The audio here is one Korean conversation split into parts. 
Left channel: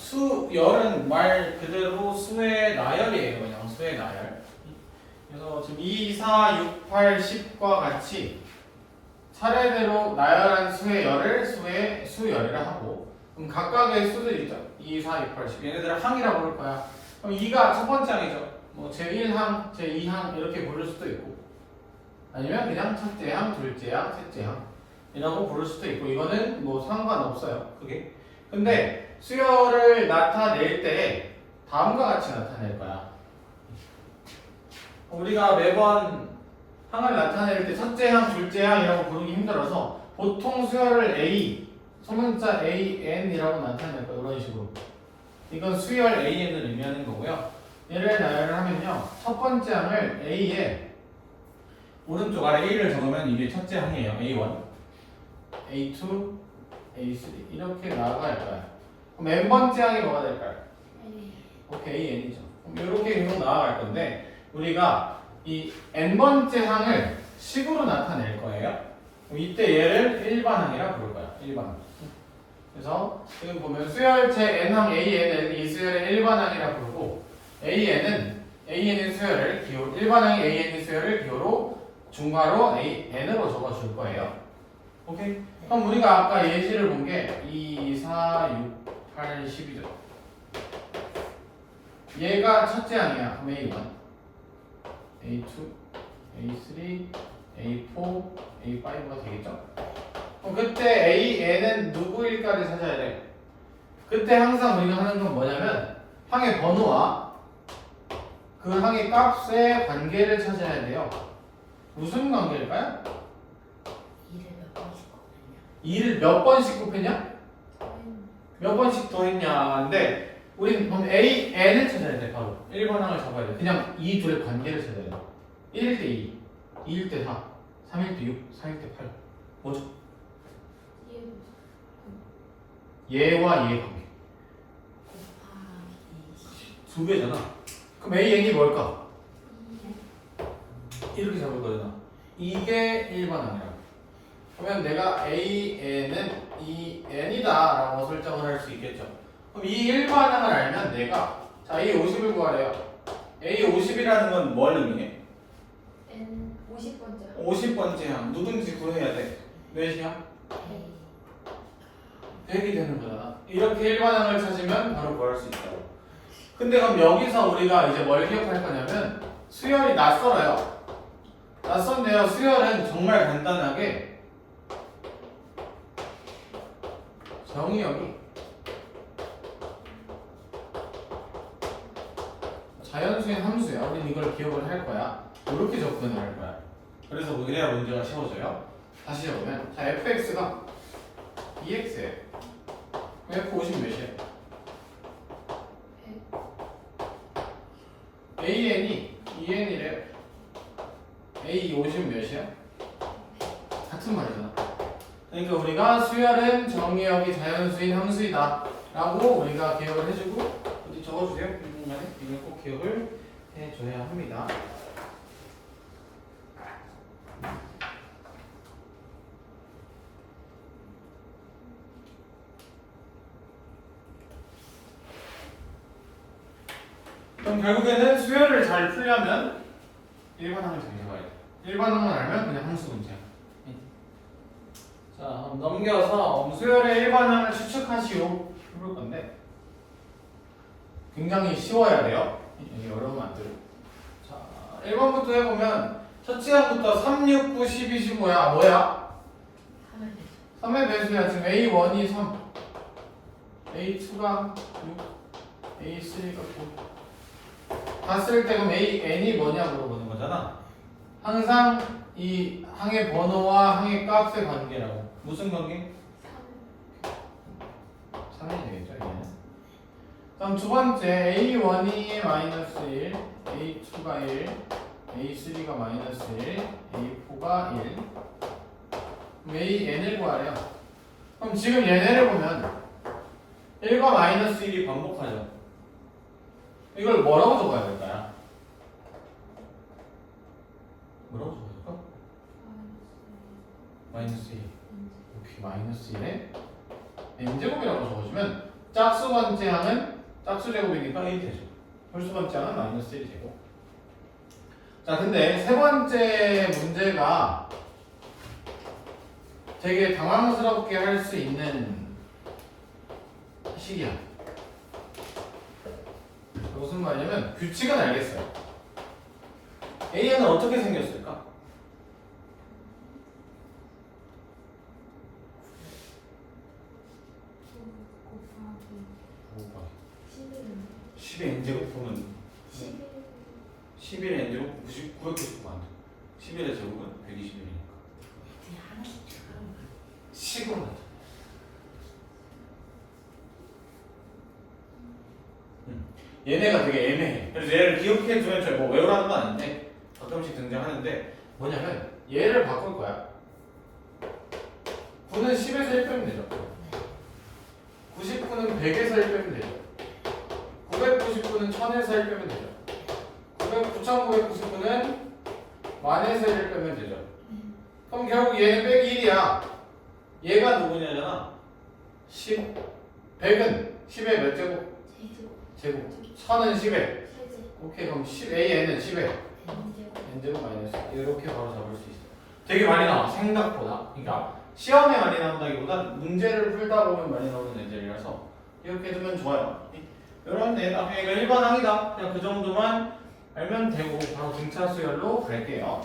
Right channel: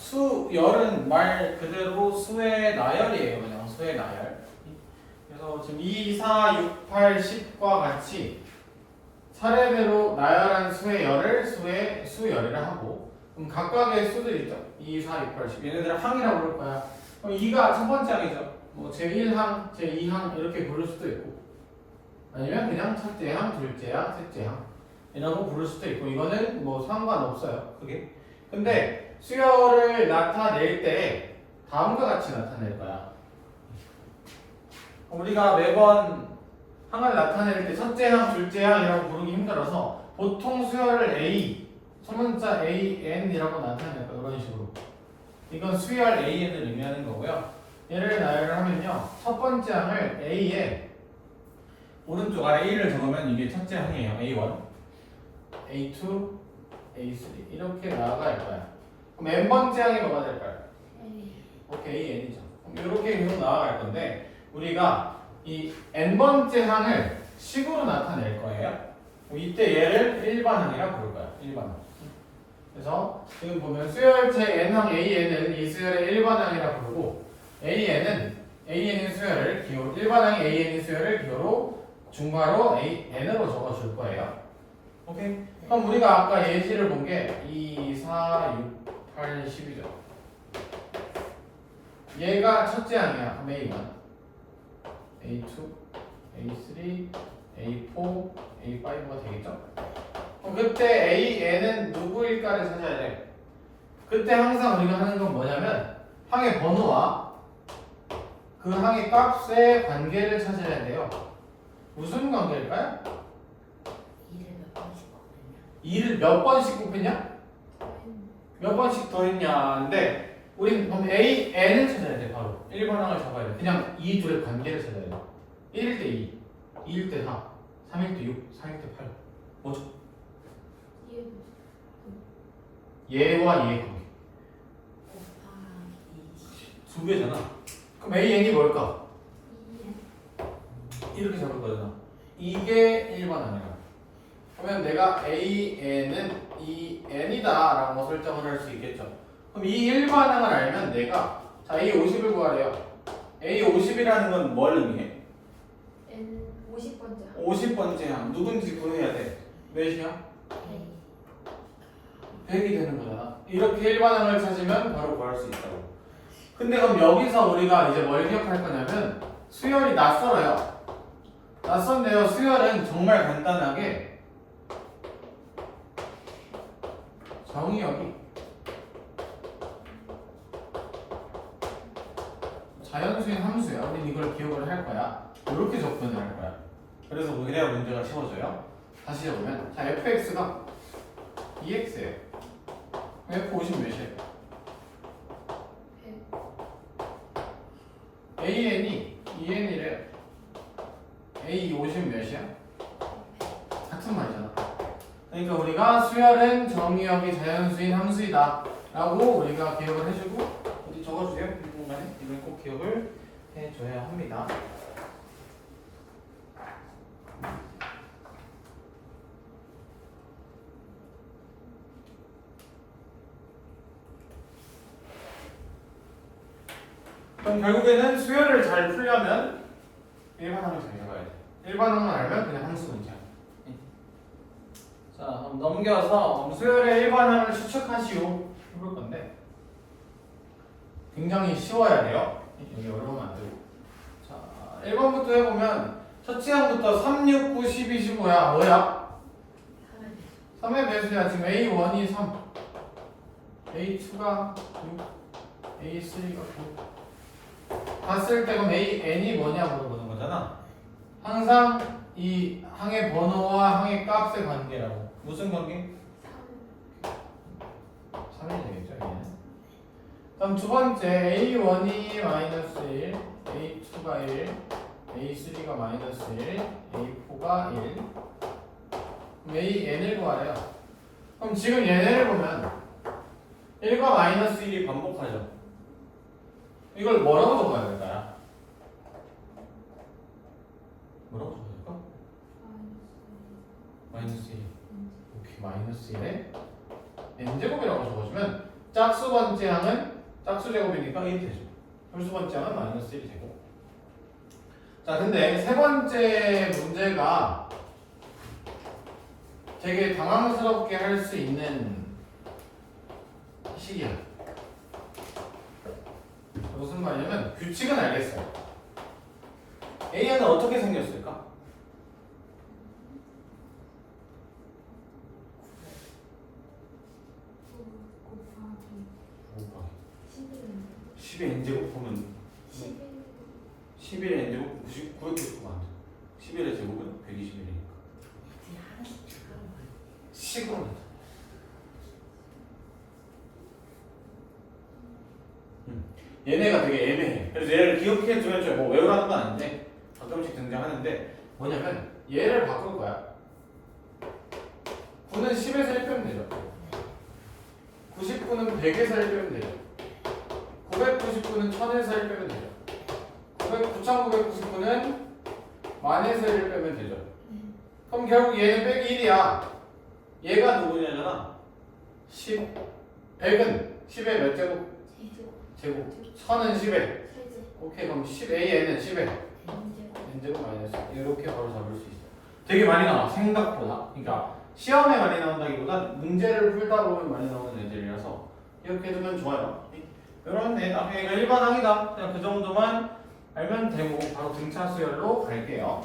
수열은 말 그대로 수의 나열이에요. 그냥 수의 나열. 그래서 지금 2, 4, 6, 8, 10과 같이 차례대로 나열한 수의 열을 수열이라 하고, 그럼 각각의 수들 있죠. 2, 4, 6, 8, 10. 얘네들을 항이라고 부를 거야. 그럼 2가 첫 번째 항이죠. 뭐 제1항, 제2항 이렇게 부를 수도 있고, 아니면 그냥 첫째 항, 둘째 항, 셋째 항 이라고 부를 수도 있고, 이거는 뭐 상관없어요. 그게. 근데 수열을 나타낼 때 다음과 같이 나타낼 거야. 우리가 매번 항을 나타낼 때 첫째 항, 둘째 항이라고 부르기 힘들어서 보통 수열을 A, 소문자 AN이라고 나타낼 거예요. 이런 식으로. 이건 수열 AN을 의미하는 거고요. 얘를 나열을 하면요. 첫 번째 항을 A에 오른쪽 아래 A를 적으면 이게 첫째 항이에요. A1, A2, A3 이렇게 나아갈 거야. 그럼 n번째 항이 뭐가 될까요? 오케이, n이죠. 그럼 이렇게 계속 나아갈 건데 우리가 이 n번째 항을 식으로 나타낼 거예요. 그럼 이때 얘를 일반항이라 부를 거야. 일반항. 그래서 지금 보면 수열체 n항 AN을 이 수열의 일반항이라 부르고 AN인 수열을 기호, 일반항이 AN인 수열을 기호로 중괄호 N으로 적어줄 거예요. 오케이? 그럼 우리가 아까 예시를 본 게 2, 4, 6, 8, 10이죠. 얘가 첫째 항이야. 그럼 A1, A2, A3, A4, A5가 되겠죠? 그럼 그때 AN은 누구일까를 찾아야 돼. 그때 항상 우리가 하는 건 뭐냐면 항의 번호와 그 항의 값의 관계를 찾아야 돼요. 무슨 관계일까요? 2를 몇 번씩 곱했냐? 몇 번씩 더했냐? 근데 우린 그럼 AN을 찾아야 돼. 바로 1번항을 잡아야 돼. 그냥 이 둘의 관계를 찾아야 돼. 1일 때 2, 2일 때 4, 3일 때 6, 4일 때 8. 뭐죠? 얘와 얘의 관계. 두 배잖아. 그럼 AN이 뭘까? 이렇게 잡을 거잖아. 이게 1번항이야. 그러면 내가 AN은 이 N이다 라고 설정을 할 수 있겠죠. 그럼 이 일반항을 알면 내가 자 A50을 구하래요. A50이라는 건 뭘 의미해? N 50번째 50번째 항 누군지 구해야 돼. 몇이야? 100이 되는 거잖아. 이렇게 일반항을 찾으면 바로 구할 수 있다고. 근데 그럼 여기서 우리가 이제 뭘 기억할 거냐면 수열이 낯설어요. 낯선데요. 수열은 정말 간단하게 정의역이 자연수인 함수야. 우린 이걸 기억을 할 거야. 이렇게 접근을 할 거야. 그래서 그래야 문제가 쉬워져요. 다시 적으면 자 fx가 2x예요. f50 몇이에요? an이 2n이래요. a50 몇이야? 같은 말이잖아. 그러니까 우리가 수열은 정의역이 자연수인 함수이다 라고 우리가 기억을 해주고 어디 적어주세요. 이 공간에 이걸 꼭 기억을 해줘야 합니다. 그럼 결국에는 수열을 잘 풀려면 일반항을 잘 잡아야 돼. 일반항을 알면 그냥 함수 문제야. 자, 그럼 넘겨서 수열의 일반항을 추측하시오 해볼 건데 굉장히 쉬워야 돼요. 여기 어려우면 안 되고. 자, 1번부터 해보면 첫째 항부터 3, 6, 9, 12, 15야. 뭐야? 3의 배수야. 지금 A1이 3, A2가 6, A3가 9. 봤을 때 그럼 AN이 뭐냐 물어보는 거잖아. 항상 이 항의 번호와 항의 값의 관계라고. 무슨 관계? 3이 되겠죠, 얘는. 그럼 두 번째 A1이 마이너스 1, A2가 1, A3가 마이너스 1, A4가 1. 그럼 AN을 구하래요. 그럼 지금 얘네를 보면 1과 마이너스 1이 반복하죠. 이걸 뭐라고 적어야 될까요? 뭐라고 적어야 될까? 마이너스 1. 오케이, 마이너스 1에 n제곱이라고 적어주면 짝수 홀수 번째 항은 짝수 제곱이니까 1이 되죠. 홀수 번째 항은 마이너스 1이 되고. 자, 근데 세 번째 문제가 되게 당황스럽게 할 수 있는 식이야. 무슨 말이냐면 규칙은 알겠어요. AN은 어떻게 생겼을까? 곱하기 11. 10의 n제곱 보면 11. 11의 n제곱 999가 안 돼. 11의 제곱은 121이니까. 식으로 나타내. 얘네가 되게 애매해. 그래서 얘를 기억해 두면 뭐 외우라는 건 아닌데 가끔씩 등장하는데 뭐냐면 얘를 바꿀 거야. 9는 10에서 1 빼면 되죠. 99는 100에서 1 빼면 되죠. 999는 1000에서 1 빼면 되죠. 9999는 1000에서 1 빼면 되죠. 그럼 결국 얘는 빼기 1이야. 얘가 누구냐잖아. 10. 100은 10의 몇 제곱? 제곱. 1000은 10의. 오케이, 그럼 10AN은 10의. n제곱 마이너스. 이렇게 바로 잡을 수 있어. 되게 많이 나와, 생각보다. 그러니까 시험에 많이 나온다기보다 문제를 풀다 보면 많이 나오는 애들이라서 이렇게 해두면 좋아요. 이런 애 나중에 이거 일반항이다. 그냥 그 정도만 알면 되고 바로 등차 수열로 갈게요.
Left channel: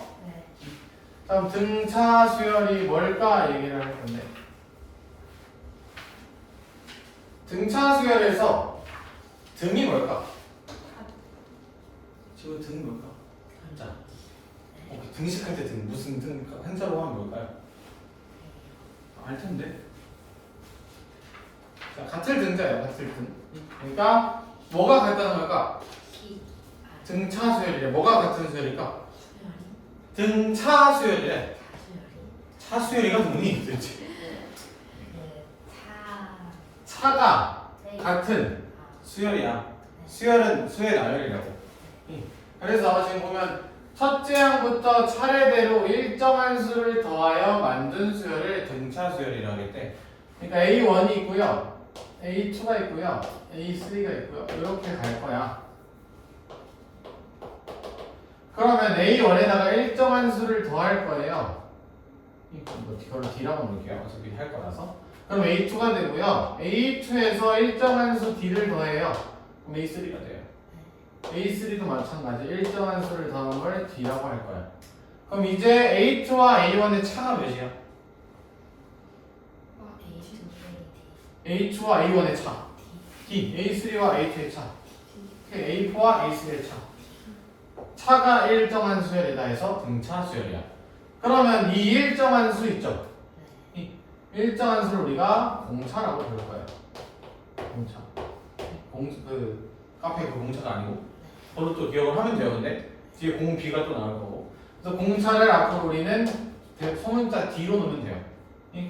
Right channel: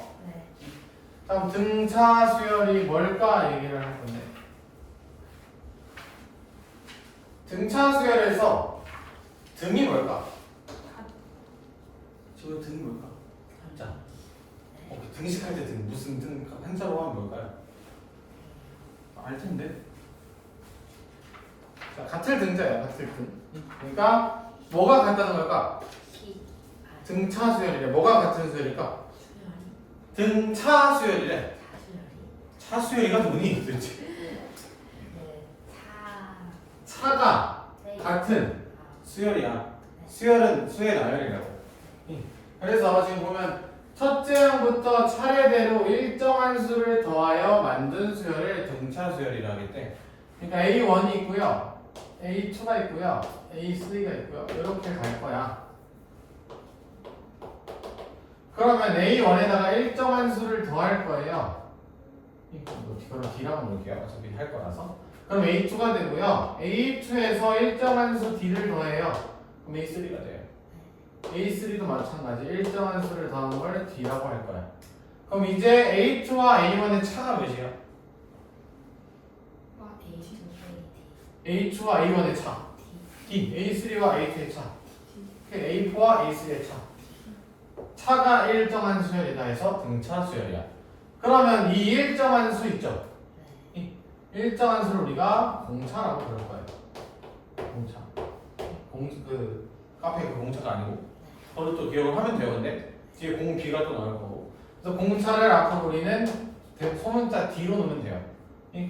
다음 등차 수열이 뭘까 얘기를 할 건데, 등차 수열에서 등이 뭘까? 지금 등이 뭘까? 한자. 등식할 때 등 무슨 등 한자로 하면 뭘까요? 알 텐데. 자, 같을 등자예요. 같을 등. 그러니까 뭐가 같다는 걸까? 등차 수열이래. 뭐가 같은 수열일까? 등차 수열이래. 차 수열이가 뭐니 도대체? 차가 같은 수열이야. 수열은 수열 나열이라고. 그래서 지금 보면 첫째 항부터 차례대로 일정한 수를 더하여 만든 수열을 등차 수열이라고 하겠대. 그러니까 A1이 있고요, A2가 있고요, A3가 있고요. 이렇게 갈 거야. 그러면 A1에다가 일정한 수를 더할 거예요. 이걸로 D라고 놓을게요. 어차피 할 거라서. 그럼 A2가 되고요. A2에서 일정한 수 D를 더해요. 그럼 A3가 돼요. A3도 마찬가지. 일정한 수를 더한 걸 D라고 할 거야. 그럼 이제 A2와 A1의 차가 몇이야? A2와 A1의 차 D. A3와 A2의 차 A4와 A3의 차. 차가 일정한 수열이다 해서 등차 수열이야. 그러면 이 일정한 수 있죠? 이 일정한 수를 우리가 공차라고 부를 거예요. 공차. 그 카페 그 공차가 아니고 그걸로 또 기억을 하면 돼요. 근데 뒤에 공비가 또 나올 거고. 그래서 공차를 앞으로 우리는 소문자 D로 놓으면 돼요.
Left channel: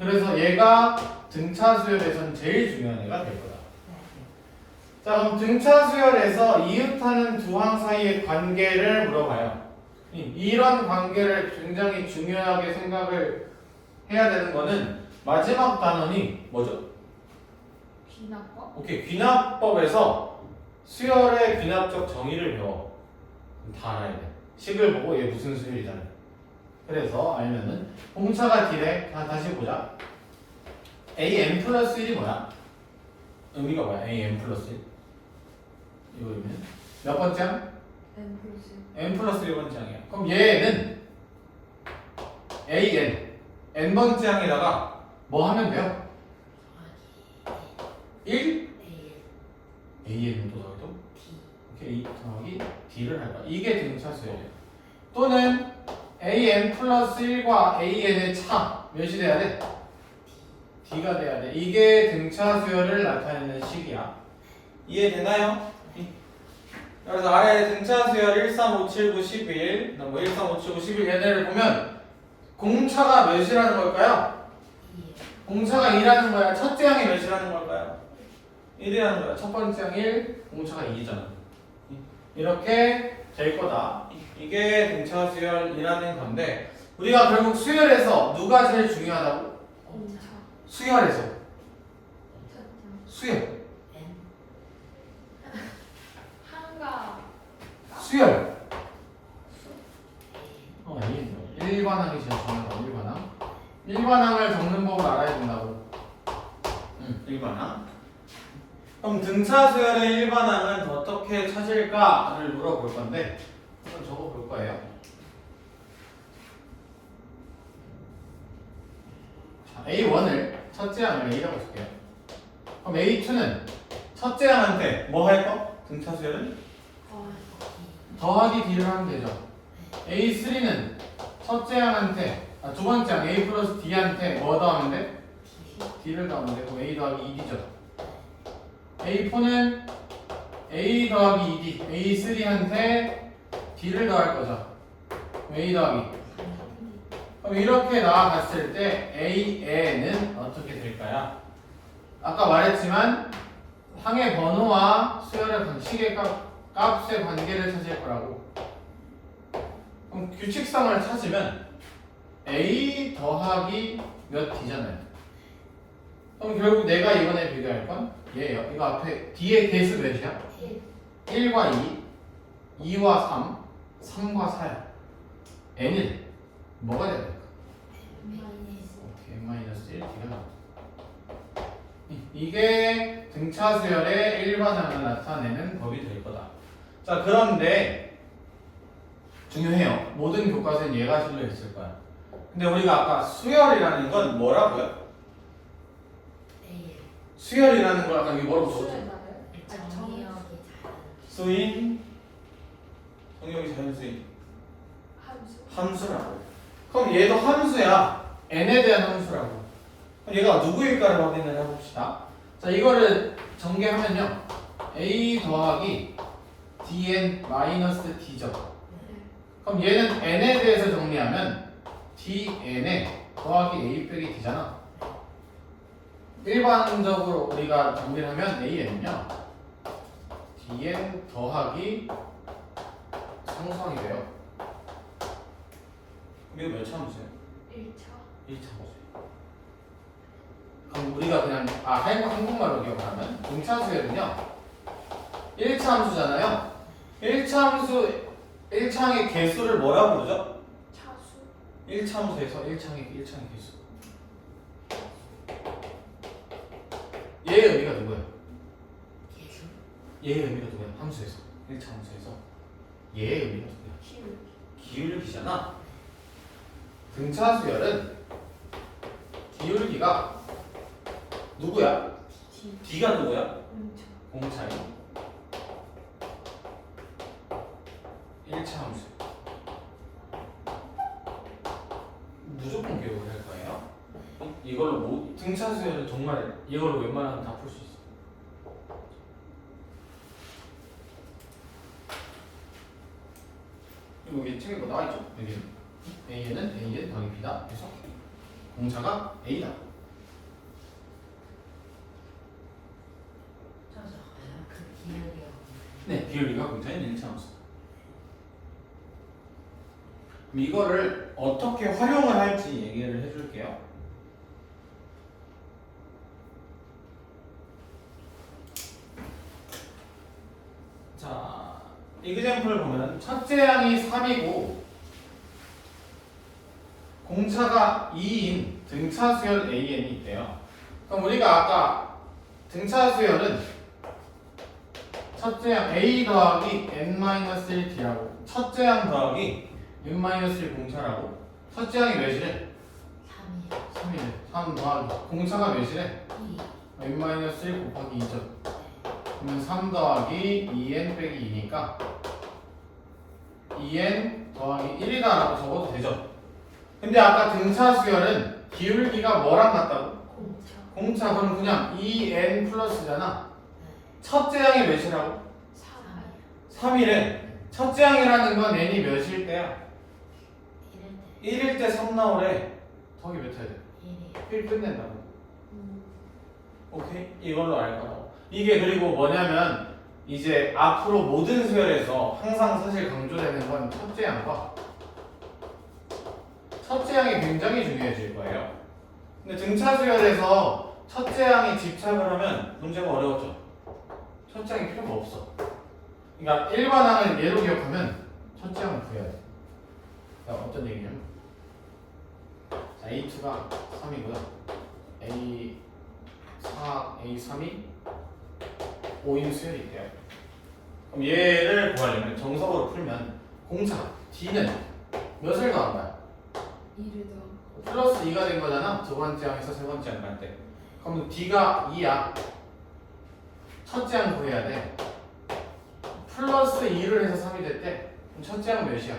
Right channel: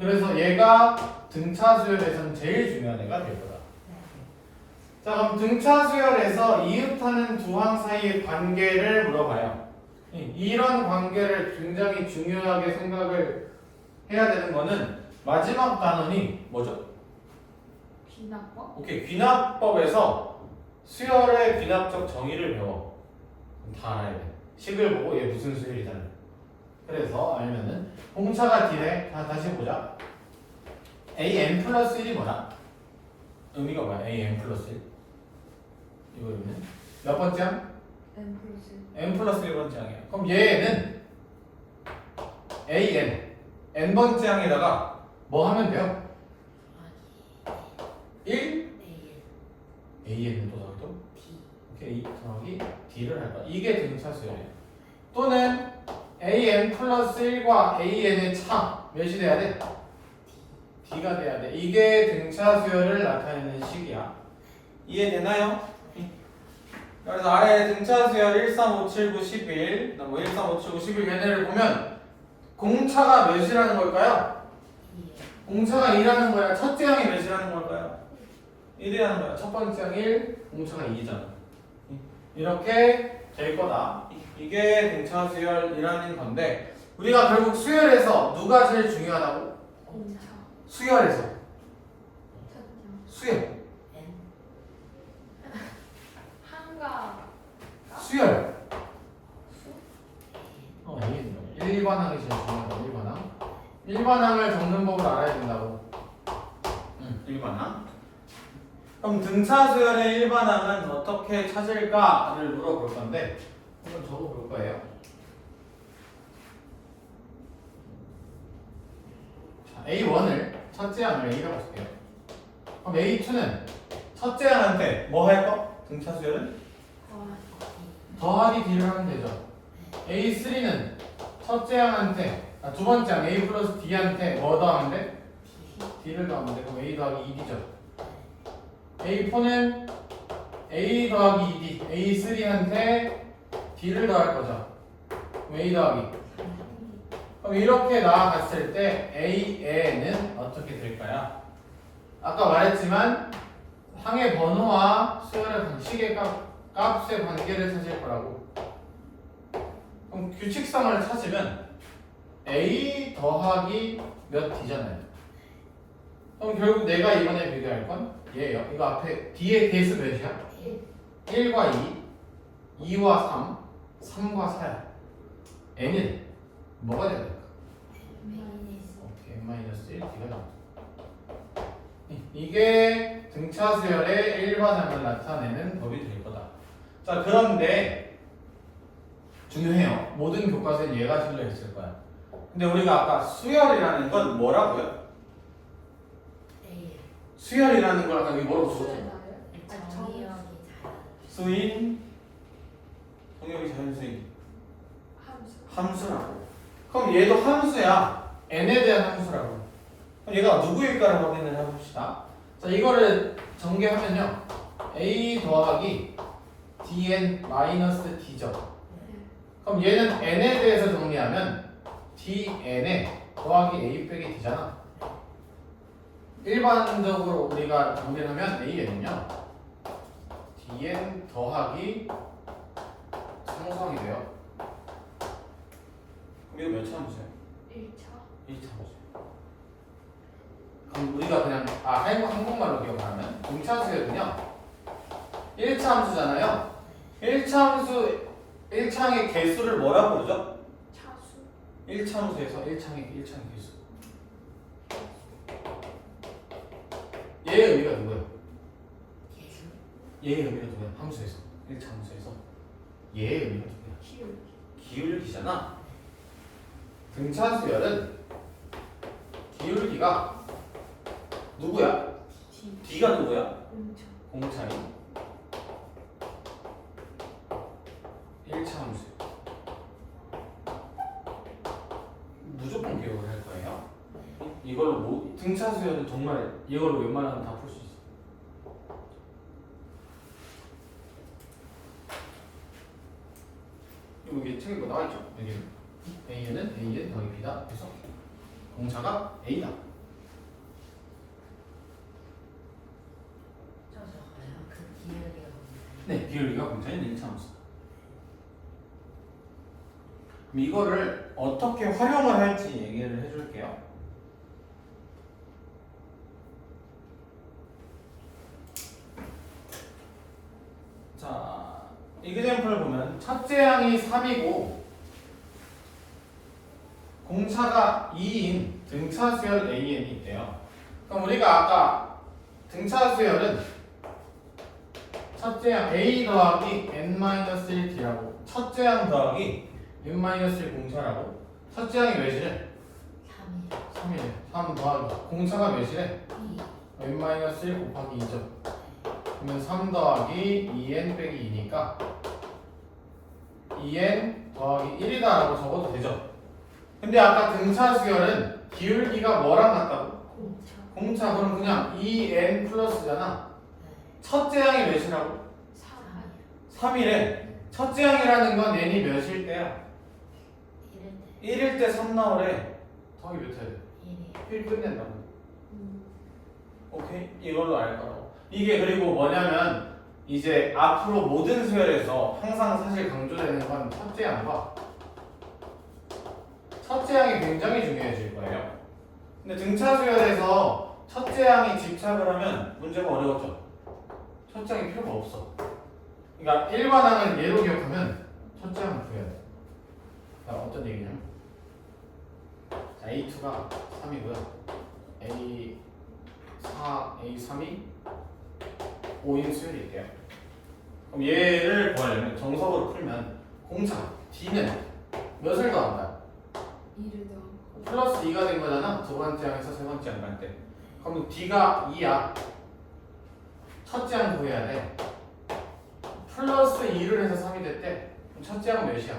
그래서 얘가 등차 수열에서는 제일 중요한 애가 될 거다. 자, 그럼 등차 수열에서 이웃하는 두 항 사이의 관계를 물어봐요. 이런 관계를 굉장히 중요하게 생각을 해야 되는 거는 마지막 단원이 뭐죠? 귀납법? 오케이, 귀납법에서 수열의 귀납적 정의를 배워. 다 알아야 돼. 식을 보고 얘 무슨 수열이잖아. 그래서 알면은 공차가 D래. 다시 보자. AN 플러스 1이 뭐야? 의미가 뭐야? AN 플러스 1. 이거 의미는 몇 번째 항? N 플러스 1번째 항이야. 그럼 얘는 AN N번째 항에다가 뭐 하면 돼요? 1? AN을 또 더해도? 오케이, 더하기 D를 할 거야. 이게 등차 수열이에요. 또는 AN 플러스 1과 AN의 차 몇이 돼야 돼? D가 돼야 돼. 이게 등차 수열을 나타내는 식이야. 이해되나요? 그래서 아래 등차 수열 1, 3, 5, 7, 9, 11, 뭐 1, 3, 5, 7, 9, 11 얘네를 보면 공차가 몇이라는 걸까요? 공차가 2라는 거야. 첫째 항이 몇이라는 걸까요? 1이라는 거야. 첫 번째 항 1, 공차가 2잖아. 이렇게 될 거다. 이게 등차 수열이라는 건데 우리가 결국 수열에서 누가 제일 중요하다고? 공차. 수열에서 수열 일반항이 제일 중요하다. 일반항을 적는 법을 알아야 된다고. 일반항. 그럼 등차 수열의 일반항은 어떻게 찾을까를 물어볼 건데 한번 적어볼 거예요. 자, A1을 첫째 항을 A라고 쓸게요. 그럼 A2는 첫째 항한테 뭐 할 거? 등차 수열은? 더하기 D를 하면 되죠. A3는 첫째 항한테 두 번째 항 A 플러스 D한테 뭐 더하면 돼? D를 더하면 되고 A 더하기 2D죠. A4는 A 더하기 2D A3한테 D를 더할 거죠. A 더하기. 그럼 이렇게 나아갔을 때 AN은 어떻게 될까요? 아까 말했지만 항의 번호와 수열의 방식의 값의 관계를 찾을 거라고. 그럼 규칙성을 찾으면 A 더하기 몇 D잖아요. 그럼 결국 내가 이번에 비교할 건 얘예요. 이거 앞에 D의 개수 몇이야? 1과 2, 2와 3, 3과 4야. N은 뭐가 돼야 될까? 오케이, N-1 D가 나와. 이게 등차 수열의 일반항을 나타내는 법이 될 거다. 자, 그런데 중요해요. 모든 교과서엔 얘가 실려 있을 거야. 근데 우리가 아까 수열이라는 건 뭐라고요? 수열이라는 걸 아까 여기 뭐라고 적었죠? 수인, 동력이 자연수인, 함수라고. 그럼 얘도 함수야. n에 대한 함수라고. 그럼 얘가 누구일까를 확인을 해봅시다. 자, 이거를 전개하면요. a 더하기 dn 마이너스 d죠. 그럼 얘는 n에 대해서 정리하면 dn에 더하기 a 빼기 d잖아. 일반적으로 우리가 정리를 하면 a는요 dn 더하기 상수항이 돼요. 그럼 이거 몇 차 함수예요? 1차 함수예요. 그럼 우리가 그냥 한국말로 기억하면 등차 수열은요 1차 함수잖아요. 1차 함수 1차항의 개수를 뭐라고 부르죠? 1차 함수에서 1차항의 개수. 얘의 의미가 누구예요? 얘의 의미가 누구야? 함수에서 1차 함수에서 얘의 의미가 누구야? 기울기잖아. 등차 수열은 기울기가 누구야? D가 누구야? 공차이 1차 함수. 무조건 기억을 할 거예요. 이걸로 등차 수열은 정말 이걸로 웬만하면 다 풀 수 있어. 여기 책에 뭐 나와 있죠? 여기 A는 AN 더하기 B다. 그래서 공차가 A다. 네, 비율비가 공차인 1차 함수. 그럼 이거를 어떻게 활용을 할지 얘기를 해줄게요. 자, 이그젬플을 보면 첫째 항이 3이고 공차가 2인 등차 수열 AN이 있대요. 그럼 우리가 아까 등차 수열은 첫째 항 A 더하기 N-1D라고 첫째 항 더하기 N-1 공차라고. 첫째 항이 몇이래? 3이래. 3 더하기 공차가 몇이래? N-1 곱하기 2죠. 그러면 3 더하기 2n 빼기 2니까 2n 더하기 1이다 라고 적어도 되죠. 근데 아까 등차 수열은 기울기가 뭐랑 같다고? 공차. 그럼 그냥 2n 플러스잖아. 첫째 항이 몇이라고? 3이래. 첫째 항이라는 건 n이 몇일 때야? 1일 때 3 나오래. 더하기 몇 해야 돼? 1 끝낸다고. 오케이? 이걸로 알 거라고. 이게 그리고 뭐냐면 이제 앞으로 모든 수열에서 항상 사실 강조되는 건 첫째 항과 첫째 항이 굉장히 중요해질 거예요. 근데 등차 수열에서 첫째 항이 집착을 하면 문제가 어려웠죠. 첫째 항이 필요가 없어. 그러니까 일반 항을 예로 기억하면 첫째 항을 구해야 돼. 어떤 얘기냐면 자, A2가 3이고요. A4, A3이 5인 수열일게요. 그럼 얘를 구하려면 정석으로 풀면 공차 D는 몇을 더한 거야? 2를 더하고 플러스 2가 된 거잖아. 두 번째 항에서 세 번째 항 갈 때. 그럼 D가 2야. 첫째 항 구해야 돼. 플러스 2를 해서 3이 됐대. 그럼 첫째 항은 몇이야?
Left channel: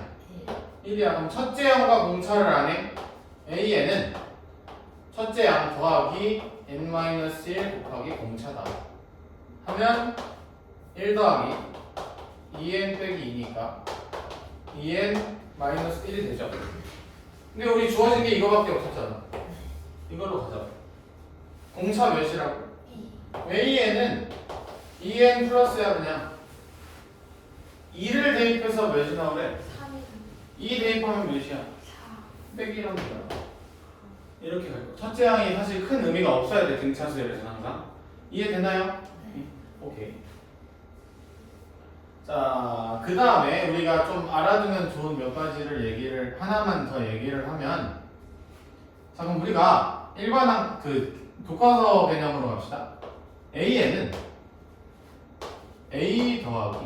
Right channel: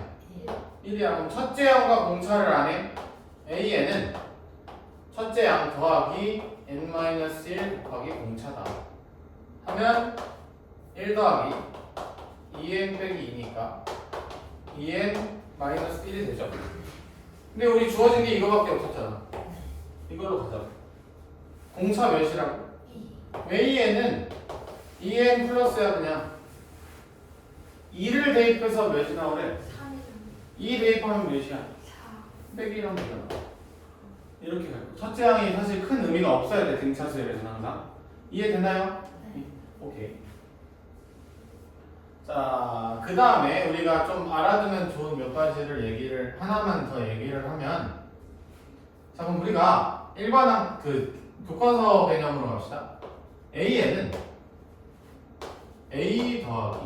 1이야. 그럼 첫째 항과 공차를 안 해. AN은 첫째 양 더하기 n-1 곱하기 공차다 하면 1 더하기 2n 빼기 2니까 2n-1이 되죠. 근데 우리 주어진 게 이거밖에 없었잖아. 이걸로 가자. 공차 몇이라고? 2 AN은 2n 플러스야. 그냥 2를 대입해서 몇이 나오래? 3이 2 대입하면 몇이야? 4 빼기 1하면 되잖아. 이렇게 갈 거야. 첫째 항이 사실 큰 의미가 없어야 돼. 등차 수열에서는 항상. 이해되나요? 네. 오케이. 자, 그 다음에 우리가 좀 알아두면 좋은 몇 가지를 얘기를 하나만 더 얘기를 하면, 자, 그럼 우리가 일반항 그 교과서 개념으로 갑시다. AN은 A 더하기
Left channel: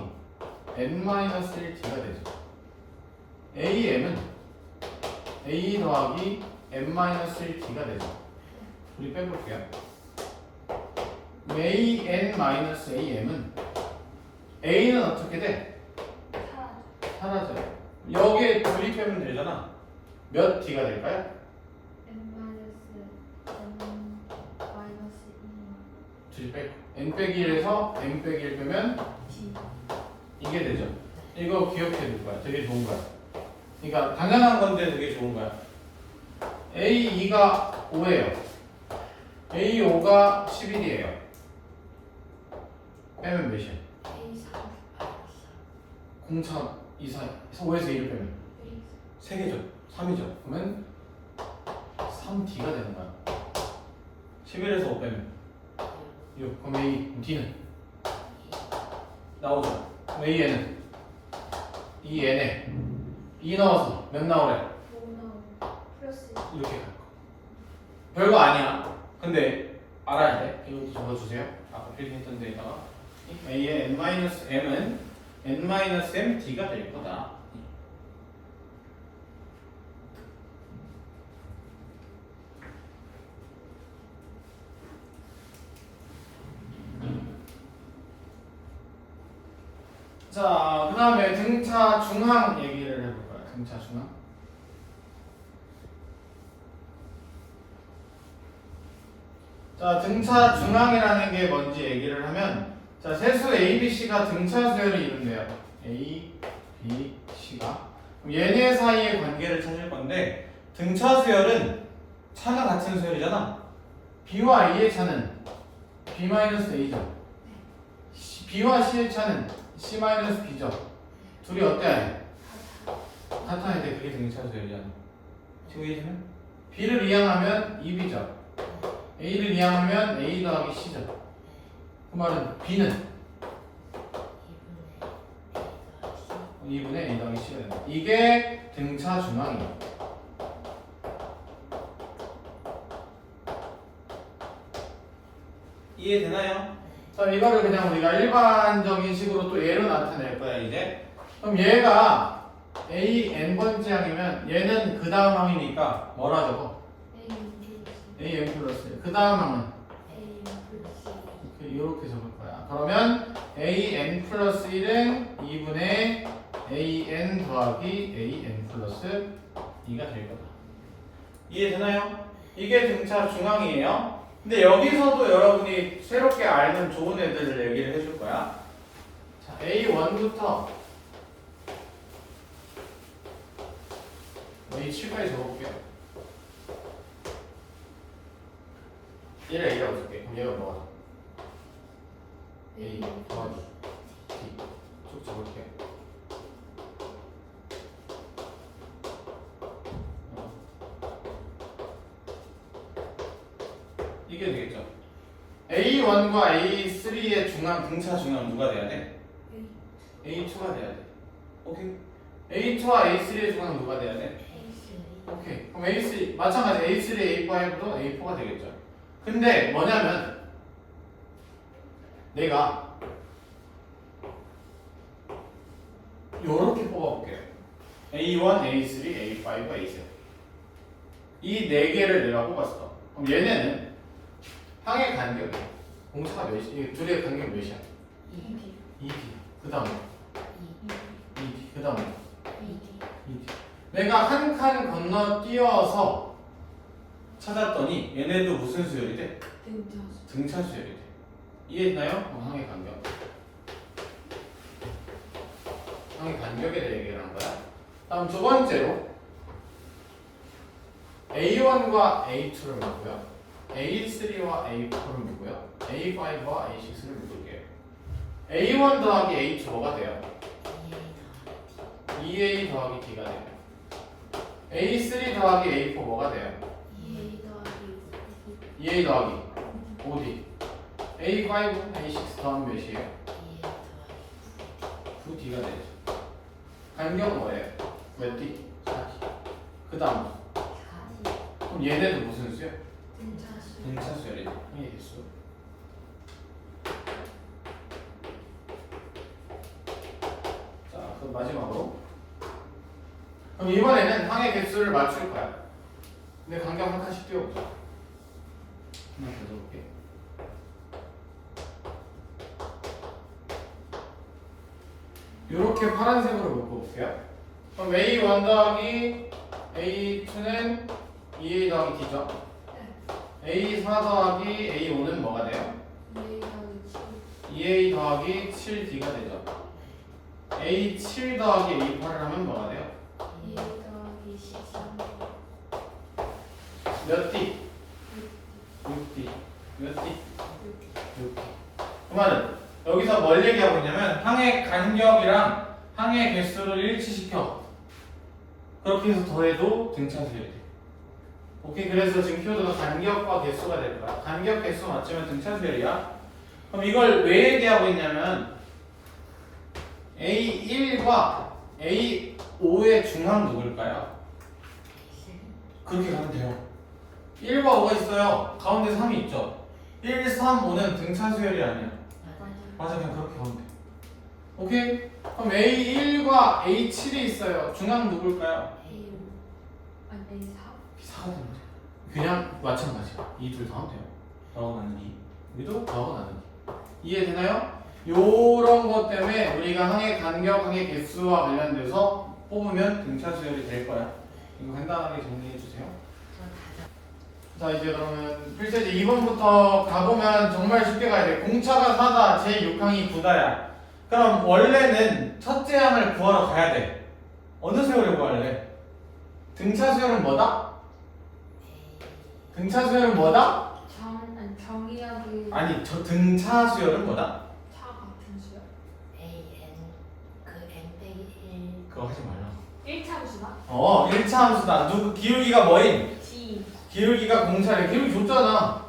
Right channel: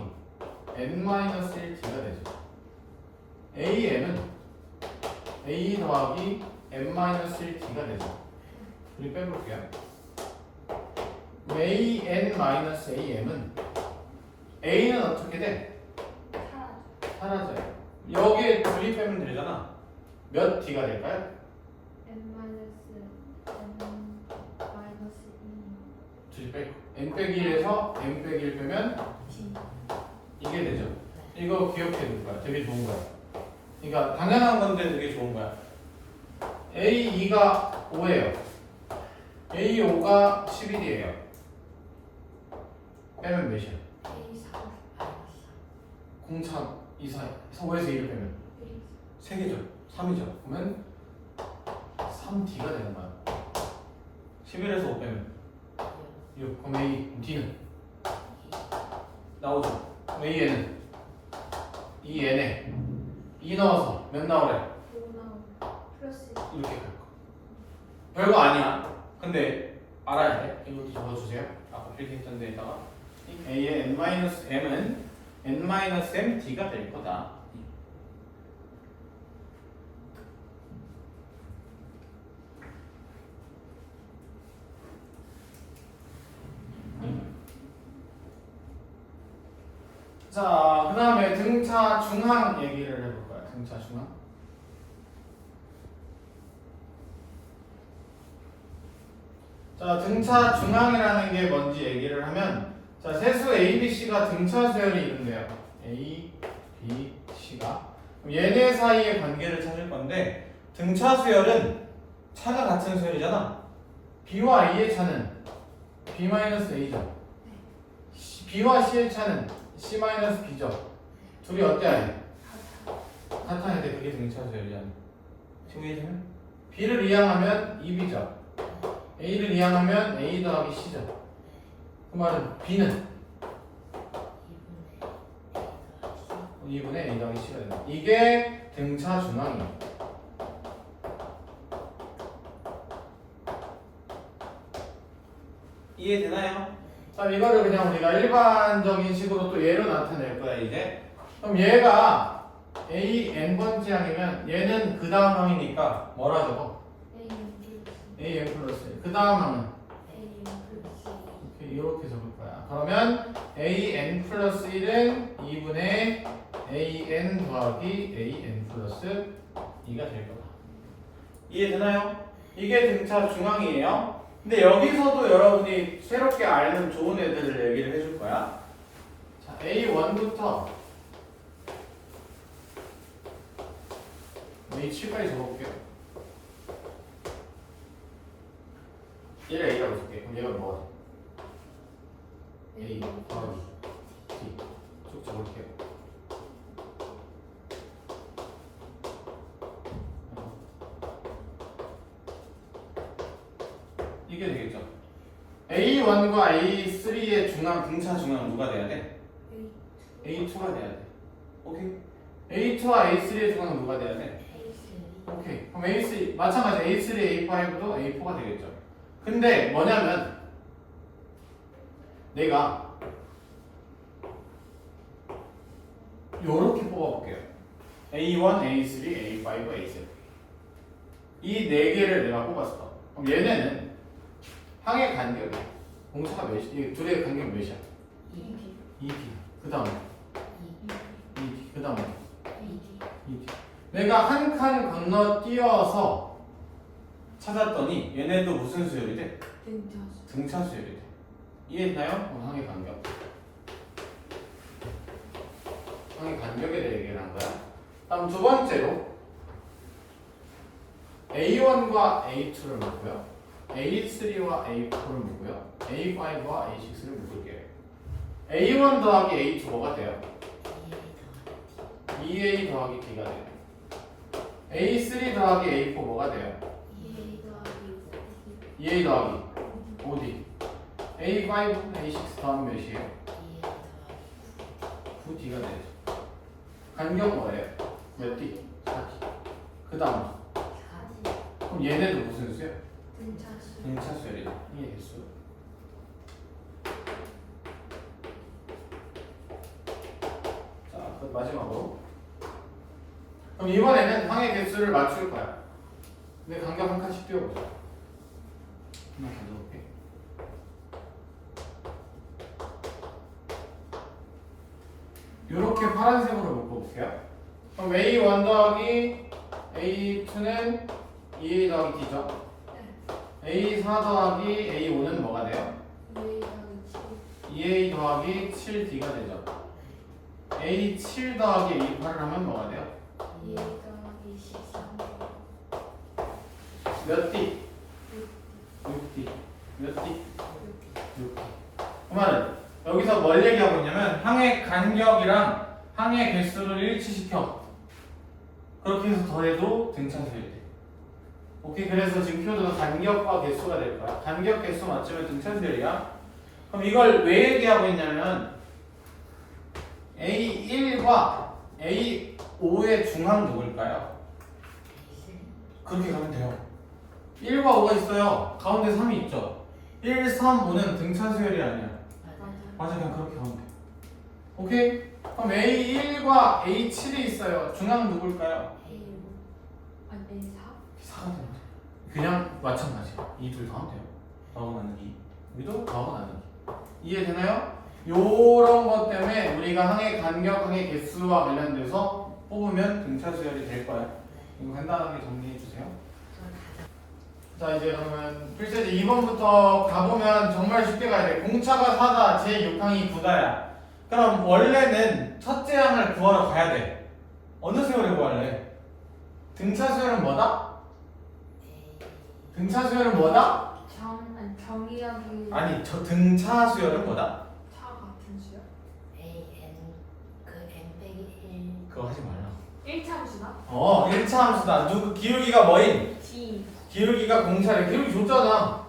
n-1t가 되죠. AM은 A 더하기 n-1t가 되죠. 우리 빼볼게요. AN-AM은 A는 어떻게 돼? 4 사라져요. 여기에 둘이 빼면 되잖아. 몇 D가 될까요? 둘이 빼고 n 빼기 1에서 n 빼기 1 빼면 이게 되죠. 이거 기억해 둘 거야. 되게 좋은 거야. 그러니까 당연한 건데 되게 좋은 거야. A2가 5예요. A5가 11이에요. 빼면 몇이야? 공차 2, 4, 5에서 2를 빼면 3개죠. 3이죠. 그러면 3D가 되는 거야. 11에서 5 빼면 6. 그럼 A, D는? 나오죠. 그럼 AN은? 2N에 2 넣어서 몇 나오래? 플러스 이렇게 갈 거. 별거 아니야. 근데 알아야 돼. 이것도 적어주세요. 아까 필기했던 데에다가 A의 n-m은 n-mD가 될 거다. 자, 그 다음에 등차 중항 얘기를 해볼 거야. 등차 중항. 자, 등차 중항이라는 게 뭔지 얘기를 하면, 자, 세수 A, B, C가 등차 수열을 이룬대요. A, B, C가. 그럼 얘네 사이의 관계를 찾을 건데, 등차 수열은 차가 같은 수열이잖아. B와 A의 차는 B-A죠. B와 C의 차는 C-B죠. 둘이 어때야 돼? 같아야 돼. 그게 등차 수열이잖아. 지금 이해되면? B를 이항하면 2B죠. A를 이항하면 A 더하기 C죠. 그 말은 B는 2분의 A 더하기 C가 된다. 이게 등차 중항이에요. 이해되나요? 자, 이거를 그냥 우리가 일반적인 식으로 또 얘로 나타낼 거야, 이제. 그럼 얘가 A n번째 항이면 얘는 그 다음 항이니까 뭐라 적어? A n 플러스. 그 다음 항은? 이렇게 적을 거야. 그러면 A n 플러스 1은 2분의 A n 더하기 A n 플러스 2가 될 거다. 이해되나요? 이게 등차 중앙이에요. 근데 여기서도 여러분이 새롭게 알면 좋은 애들을 얘기를 해줄 거야. 자, A1부터 A7까지 적어볼게요. 1을 A라고 적게. 그럼 얘가 뭐가 A 더하기 D 쭉 적을게요. 이게 되겠죠. A1과 A3의 중앙, 등차 중앙은 누가 돼야 돼? A2가 돼야 돼. 오케이? A2와 A3의 중앙은 누가 돼야 돼? 오케이. 그럼 A3 마찬가지 A3, A5도 A4가 되겠죠. 근데 뭐냐면 내가 요렇게 뽑아볼게요. A1, A3, A5, A7 이 네 개를 내가 뽑았어. 그럼 얘네는 항의 간격이 공차가 몇이? 이 둘의 간격이 몇이야? 2D 2D. 그 다음에 2D. 그 다음에 2D 2D. 내가 한 칸 건너뛰어서 찾았더니 얘네도 무슨 수열이 돼? 등차수 등차 수열이 돼. 이해했나요? 항의 간격. 항의 간격에 대해 얘기를 한 거야. 다음 두 번째로 A1과 A2를 묶고요. A3와 A4를 묶고요. A5와 A6를 묶을게요. A1 더하기 A2 뭐가 돼요? 2A 더하기 D가 돼요. A3 더하기 A4 뭐가 돼요? 2A 더하기 2A 더하기 5D. A5, A6 더하면 몇이에요? 9D가 되죠. 간격은 뭐예요? 몇 D? 4D. 그 다음 그럼 얘네도 무슨 수야? 등차수 등차 수열이다. 이게 개수. 자, 그럼 마지막으로. 그럼 이번에는 항의 개수를 맞출 거야. 근데 간격 한 칸씩 띄워보자. 하나 던져볼게. 이렇게 파란색으로 묶어볼게요. 그럼 A1 더하기 A2는 2A 더하기 D죠. A4 더하기 A5는 뭐가 돼요? 2A 더하기 2A 더하기 7D가 되죠. A7 더하기 A8을 하면 뭐가 돼요? 7 2A 더하기 13 몇 D? 6D. 몇 D? 6D. 그 말은 여기서 뭘 얘기하고 있냐면 항의 간격이랑 항의 개수를 일치시켜. 그렇게 해서 더해도 등차수열이 돼. 오케이. 그래서 지금 키워드가 간격과 개수가 될 거야. 간격 개수 맞추면 등차수열이야. 그럼 이걸 왜 얘기하고 있냐면 A1과 A5의 중앙 누굴까요? 그렇게 가면 돼요. 1과 5가 있어요. 가운데 3이 있죠. 1, 3, 5는 등차수열이 아니야. 맞아, 그냥 그렇게 가면 돼. 오케이? 그럼 A1과 A7이 있어요. 중앙 누굴까요? A5 아니 A4 4가 되면 돼. 그냥 마찬가지야. 이 둘 다 하면 돼요. 더하고 나는 2. 여기도 더하고 나는 2. 이해되나요? 요런 것 때문에 우리가 항의 간격, 항의 개수와 관련돼서 뽑으면 등차수열이 될 거야. 이거 간단하게 정리해 주세요. 자, 이제 그러면 필세지 2번부터 가보면 정말 쉽게 가야 돼. 공차가 4다, 제6항이 9다야. 그럼 원래는 첫째 항을 구하러 가야 돼. 어느 세월에 구할래? 등차수열은 뭐다? 등차수열은 뭐다? 아니 정의하기 아니, 저 등차수열은 뭐다? 차 같은 수요? 그거 하지 말라. 1차 함수나? 1차 함수다. 누구 기울기가 뭐인? D 기울기가 공차래. 기울기 줬잖아.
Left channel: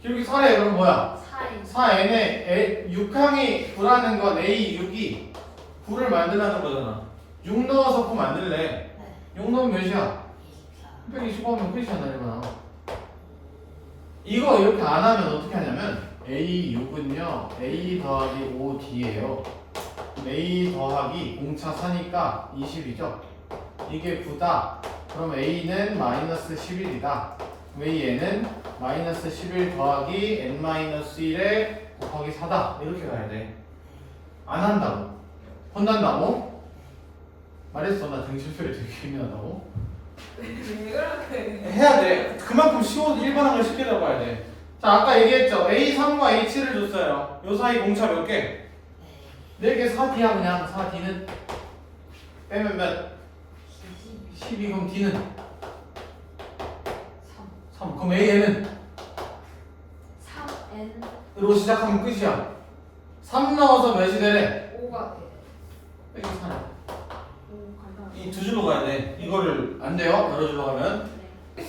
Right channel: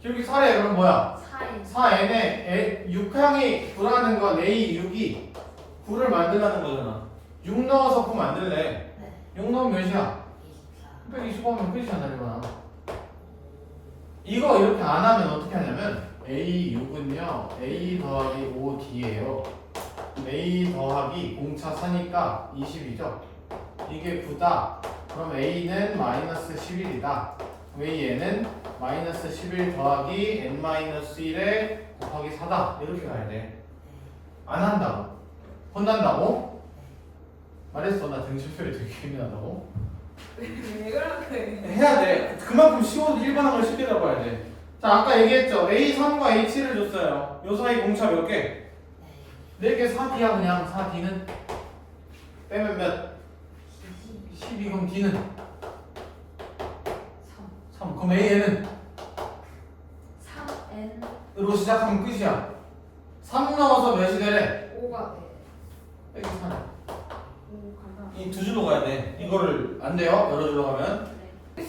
기울기 4래. 그럼 뭐야? 4N 4n에 6항이 9라는 건 A6이 9를 만들라는 거잖아. 6 넣어서 9 만들래. 6 넣으면 몇이야? 125하면 끝이야, 나리구나. 이거 이렇게 안 하면 어떻게 하냐면 A6은요 A 더하기 5D예요. A 더하기 공차 4니까 20이죠. 이게 9다. 그럼 A는 마이너스 11이다. 왜 얘는 마이너스 11 더하기 n-1에 곱하기 4다. 이렇게 가야 돼. 안 한다고. 혼난다고? 말했어. 나 등심표에 되게 예민하다고. 왜 그렇게 해야 돼. 그만큼 쉬워도 일반한 걸 쉽게 잡아야 돼. 자, 아까 얘기했죠. A3과 A7을 줬어요. 요 사이 공차 몇 개? 4개 4D야 그냥. 4D는 빼면 몇? 12. 그럼 D는? 3 3. 그럼 AN은? 3N 으로 시작하면 끝이야. 3 넣어서 몇이 되래? 5가 돼 빼기 4네. 5 간다 이 두 줄로 가야 돼. 이거를 안 돼요. 여러 줄로 가면. 네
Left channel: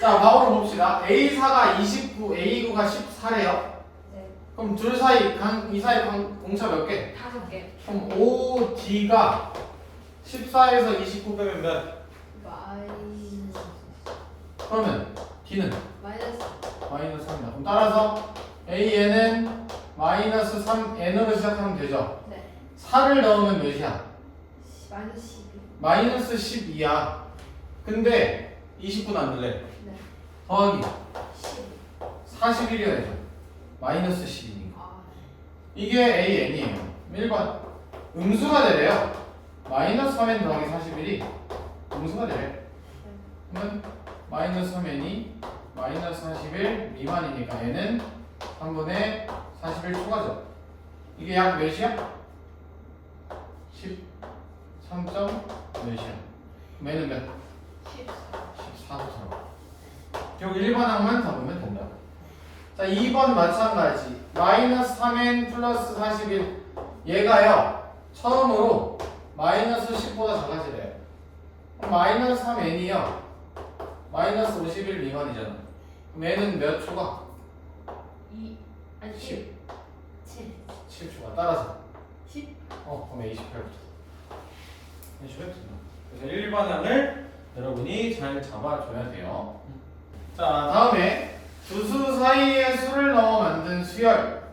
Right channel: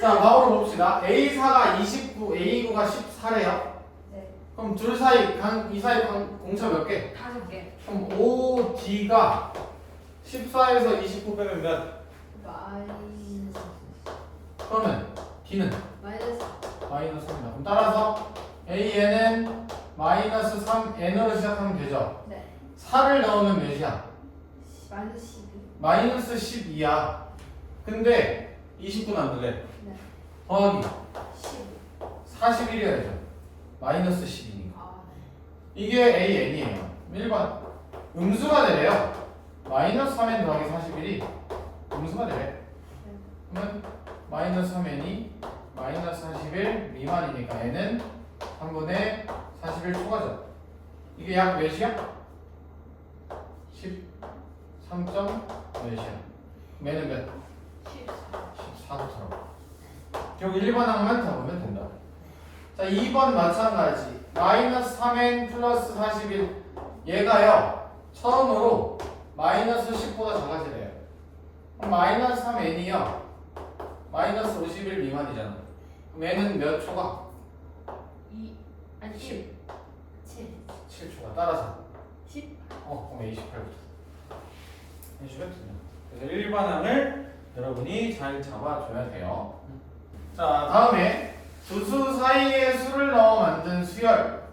자, 바로 봅시다. A4가 29, A9가 14래요. 네 그럼 둘 사이 이 사이 공차 몇 개? 5개 그럼 OD가 14에서 29 빼면 몇? 마이너스 그러면 D는 마이너스 마이너스 3이다. 그럼 따라서 AN은 마이너스 3N으로 시작하면 되죠. 네 4를 넣으면 몇이야? 마이너스 12. 마이너스 12야. 근데 29 남길래 네 더하기 10. 41이어야죠. 마이너스 12니까. 아 이게 AN이에요. 1번. 음수가 되래요. 마이너스 3N 더하기 41이 음수가 되래. 그러면 마이너스 3N이 마이너스 41 미만이니까 N은 3분의 41 초과죠. 이게 약 몇이야? 13점 몇이야? N은 몇? 14. 14부터 결국 1번 항만 잡으면 된다. 자 2번 마찬가지. 마이너스 3N 플러스 41 얘가요 처음으로 마이너스 10보다 작아지래요. 그럼 마이너스 3N이요 마이너스 51 미만이잖아. 그럼 N은 몇 초가? 2 아니 10 7 7초가 따라서 10. 그럼 A18부터 그래서 1반항을 여러분이 잘 잡아줘야 돼요. 자 다음에 두 수 사이에 수를 넣어 만든 수열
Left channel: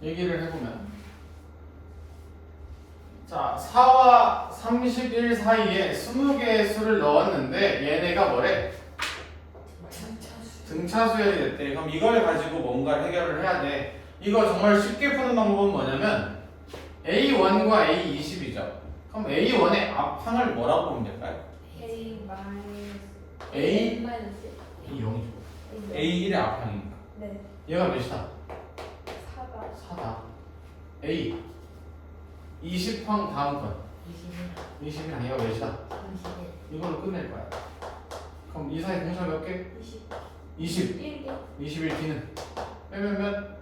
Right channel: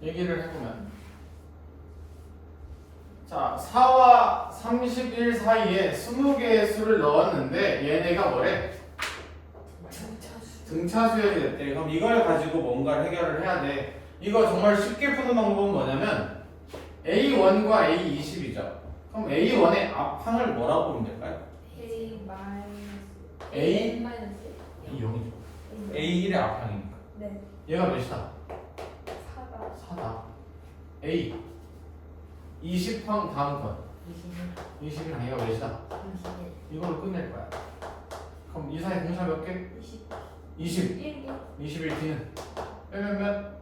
얘기를 해보면 자 4와 31 사이에 20개의 수를 넣었는데 얘네가 뭐래? 등차 수열이 됐대. 그럼 이걸 가지고 뭔가 해결을 해야 돼. 이거 정말 쉽게 푸는 방법은 뭐냐면 A1과 A20이죠. 그럼 A1의 앞항을 뭐라고 보면 될까요? A 마이너스 A N 마이너스 A0이죠. A A1의 앞항이니까. 네 얘가 몇이다? 4가 4다. A 20항 다음 건 20이랑 얘가 몇이다? 이걸로 끝낼 거야. 그럼 이 사이 공차 몇 개? 20 1개 21 D는 빼면 몇?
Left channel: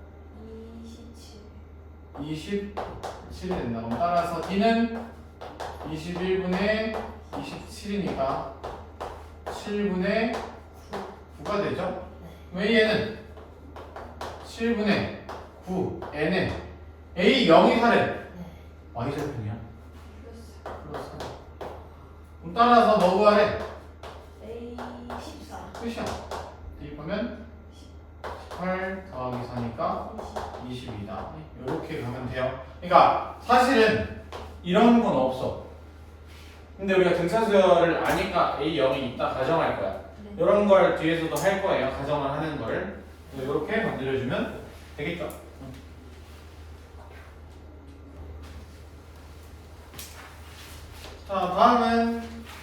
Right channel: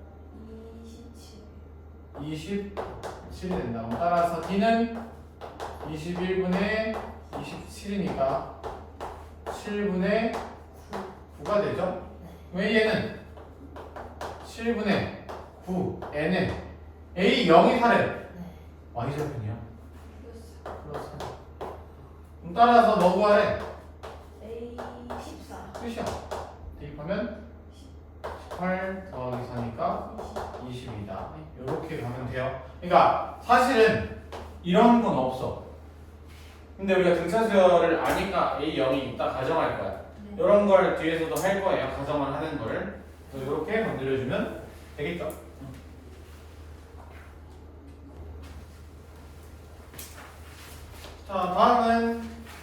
27. 27이 된다. 그럼 따라서 D는 21분의 27이니까 7분의 9가 되죠? 왜 얘는 7분의 9 N은 A0이 4래. Y절편이야. 플러스 4. 그럼 따라서 뭐 구하래? A 14. 끝이야. 대입하면 18 더하기 4니까 20이다. 이렇게 가면 돼요. 그러니까 사실은 이런 건 없어. 근데 우리가 등차수열을 아니까 A0이 있다 가정할 거야. 네. 이런 걸 뒤에서도 할 거예요. 가정을 하는 거를. 이렇게 건드려주면 되겠죠. 자, 다음은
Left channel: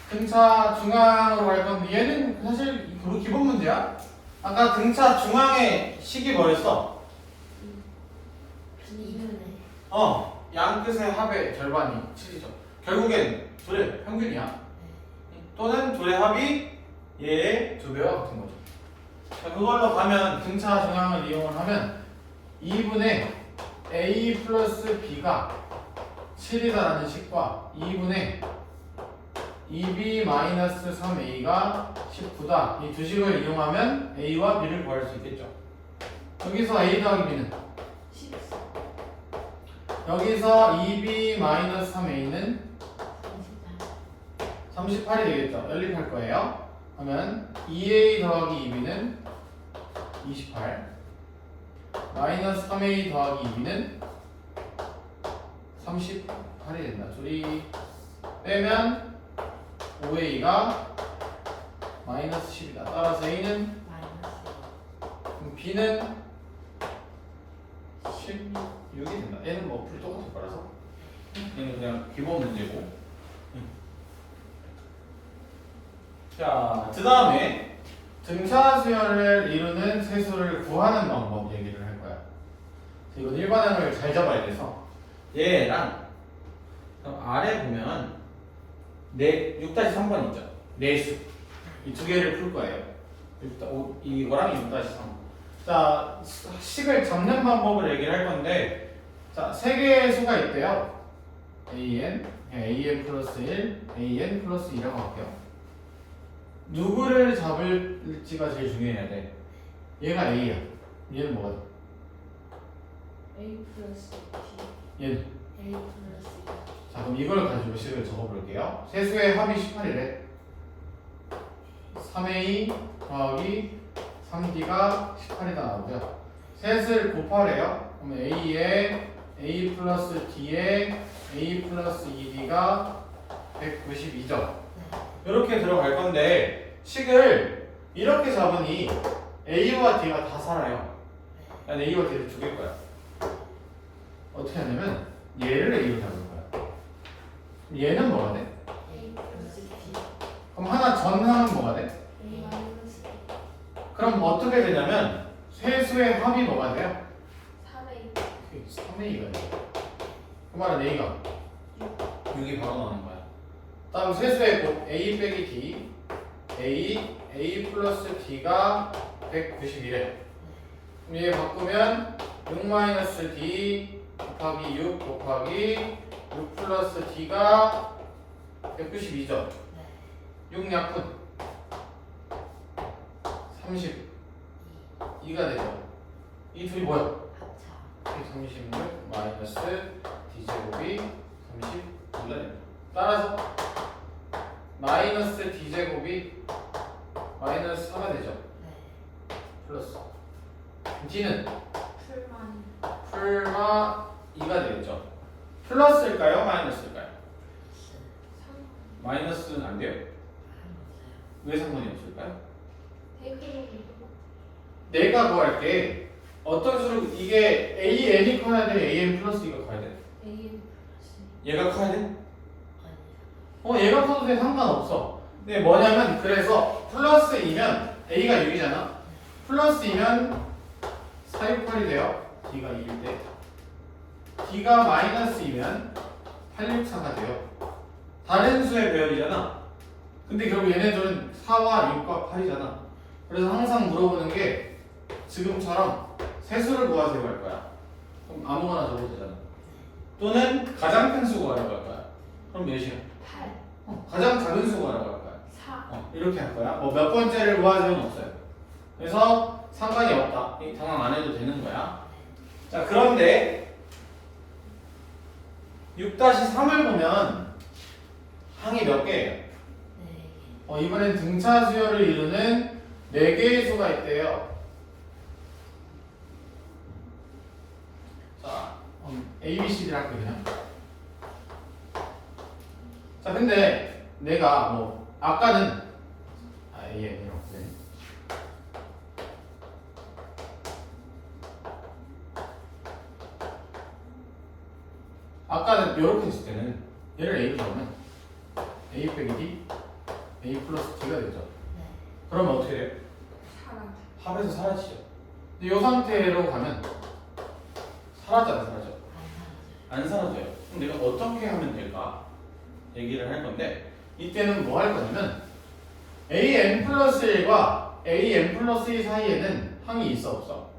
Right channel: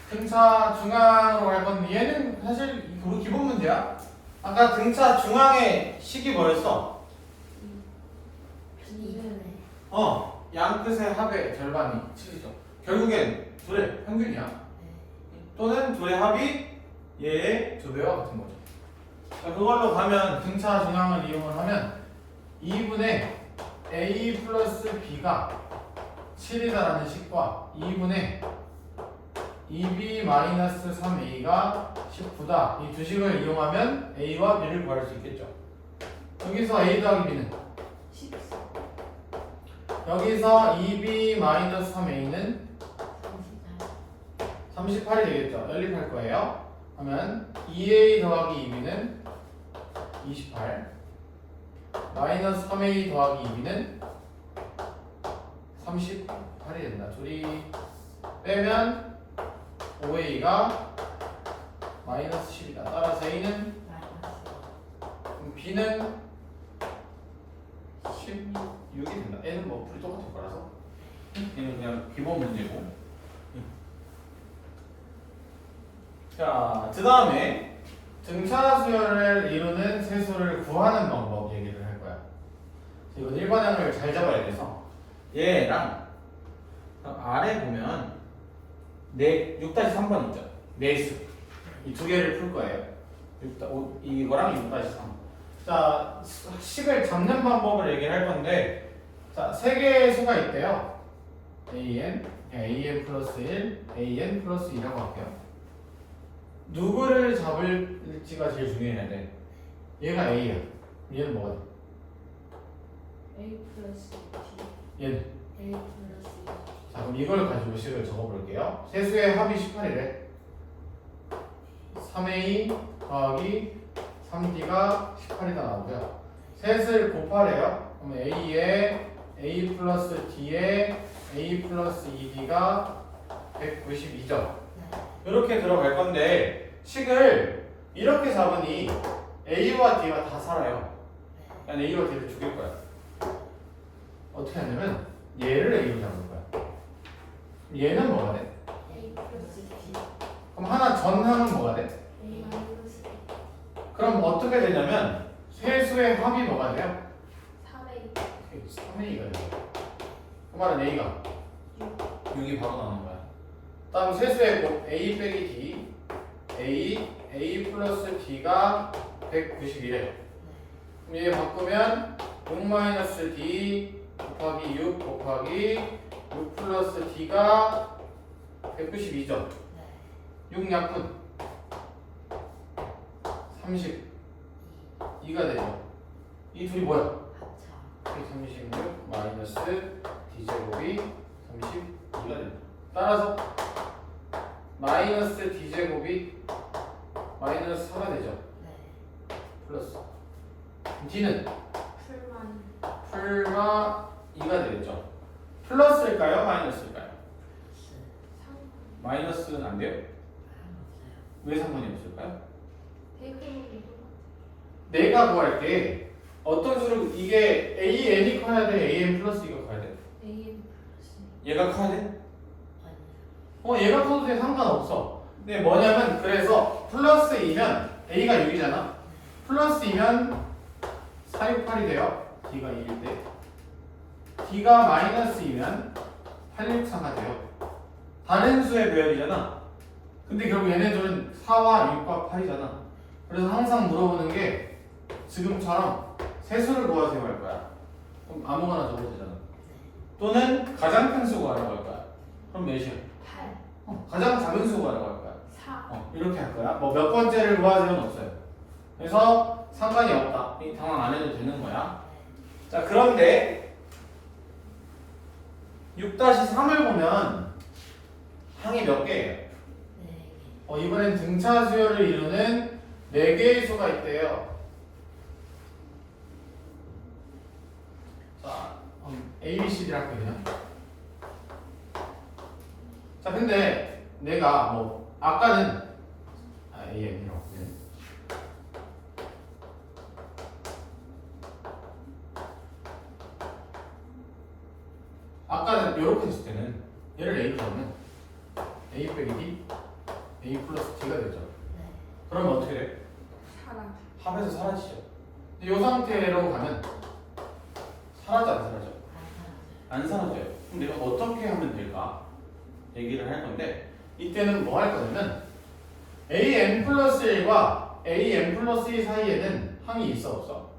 등차 중앙으로 갈 건데 얘는 사실 그거 기본 문제야. 아까 등차 중앙의 식이 뭐였어? 양 끝의 합의 절반이 7이죠. 결국엔 둘의 평균이야. 또는 둘의 합이 얘의 2배와 같은 거죠. 자, 그걸로 가면 등차 중앙을 이용을 하면 2분의 a 플러스 b가 7이다라는 식과 2분의 2b 마이너스 3a가 19다. 이 두 식을 이용하면 a와 b를 구할 수 있겠죠. 여기서 a 더하기 b는 14. 여기서 2b 마이너스 3a는 38이 되겠죠. 연립할 거예요. 하면 2a 더하기 2b는 28 마이너스 3a 더하기 2b는 38이 된다. 둘이 빼면 5a가 마이너스 10이다. 따라서 a는 그럼 b는 16이 된다. n은 뭐 풀이 똑같을 거라서 얘는 그냥 기본 문제고. 자, 그 다음에 등차 수열을 이루는 세수를 구하는 방법 얘기를 할 거야. 이건 일반항을 잘 잡아야 돼서 얘랑 아래 보면 6-3번 있죠. 내수 이 두 개를 풀 거예요. 이거랑 6-3. 자, 식을 잡는 방법을 얘기를 할 건데, 자, 세 개의 수가 있대요. an 플러스 1, an 플러스 2라고 할게요. 누구를 잡을지가 제일 중요해야 돼. 얘가 a야. 얘는 뭐가 돼? A 플러스 B. 얘는. A 플러스 자, 그럼 이걸 가지고 식을 적어볼게요. 세수의 합이 18이래. 3a 더하기 3d가 18이다 나오고요. 셋을 곱하래요. 그러면 a에 a 플러스 d에 a 플러스 2d가 192죠. 이렇게 들어갈 건데 식을 이렇게 잡으니 a와 d가 다 살아요. 난 a와 d를 죽일 거야. 어떻게 하냐면 얘를 a로 잡을 거야. 얘는 뭐가 돼? A 플러스 B 그럼 하나 전항은 뭐가 돼? A 마이너스 그럼 어떻게 되냐면 세수의 합이 뭐가 돼요? 3A 3a가 돼요. 그 말은 a가 6이 바로 나오는 거야. 다음 세수의 곱 a 빼기 d a 플러스 d가 191에 그럼 얘 바꾸면 6 마이너스 d 곱하기 6 곱하기 6 플러스 d가 192죠. 6 약분 32가 되죠. 이 둘이 뭐야? 136 마이너스 d제곱이 32가 됩니다. 따라서 마이너스 d제곱이 마이너스 4가 되죠. 플러스 d는 풀만 풀마 2가 되겠죠. 플러스일까요? 마이너스일까요? 3 마이너스는 안 돼요? 왜 상관이 없을까요? 대표님이 내가 구할게. 어떤 수로 이게 AN이 커야 돼? AN 플러스 2가 커야 돼? AM 플러스 얘가 커야 돼? 얘가 커도 돼. 상관없어. 근데 뭐냐면 그래서 플러스 2면 A가 6이잖아. 플러스 2면 468이 돼요. D가 2일 때. D가 마이너스 2면 864가 돼요. 다른 수의 배열이잖아. 근데 결국 얘네들은 4와 6과 8이잖아. 그래서 항상 물어보는 게 지금처럼 세수를 구하세요 할 거야. 그럼 아무거나 적어도 되잖아. 또는 가장 큰 수 구하라고 할 거야. 그럼 몇이야? 8 가장 작은 수 구하라고 할 거야. 4 이렇게 할 거야. 뭐 몇 번째를 구하세요는 없어요. 그래서 상관이 없다. 당황 안 해도 되는 거야. 자, 그런데 6-3을 보면 항이 몇 개예요? 이번엔 등차 수열을 이루는 4개의 수가 있대요. 자, A, B, C, D를 할게요. 자, 근데 내가 뭐 아까는 A, N이라고 네. 아까는 이렇게 했을 때는 얘를 A로 잡으면 A 빼기 D A 플러스 D가 되죠. 그러면 어떻게 돼요? 사람 합에서 사라지죠. 근데 이 상태로 가면 사라져 안 사라져? 안 사라져요. 그럼 내가 어떻게 하면 될까? 얘기를 할 건데 이때는 뭐 할 거냐면 AN 플러스 1과 AN 플러스 2 사이에는 항이 있어 없어?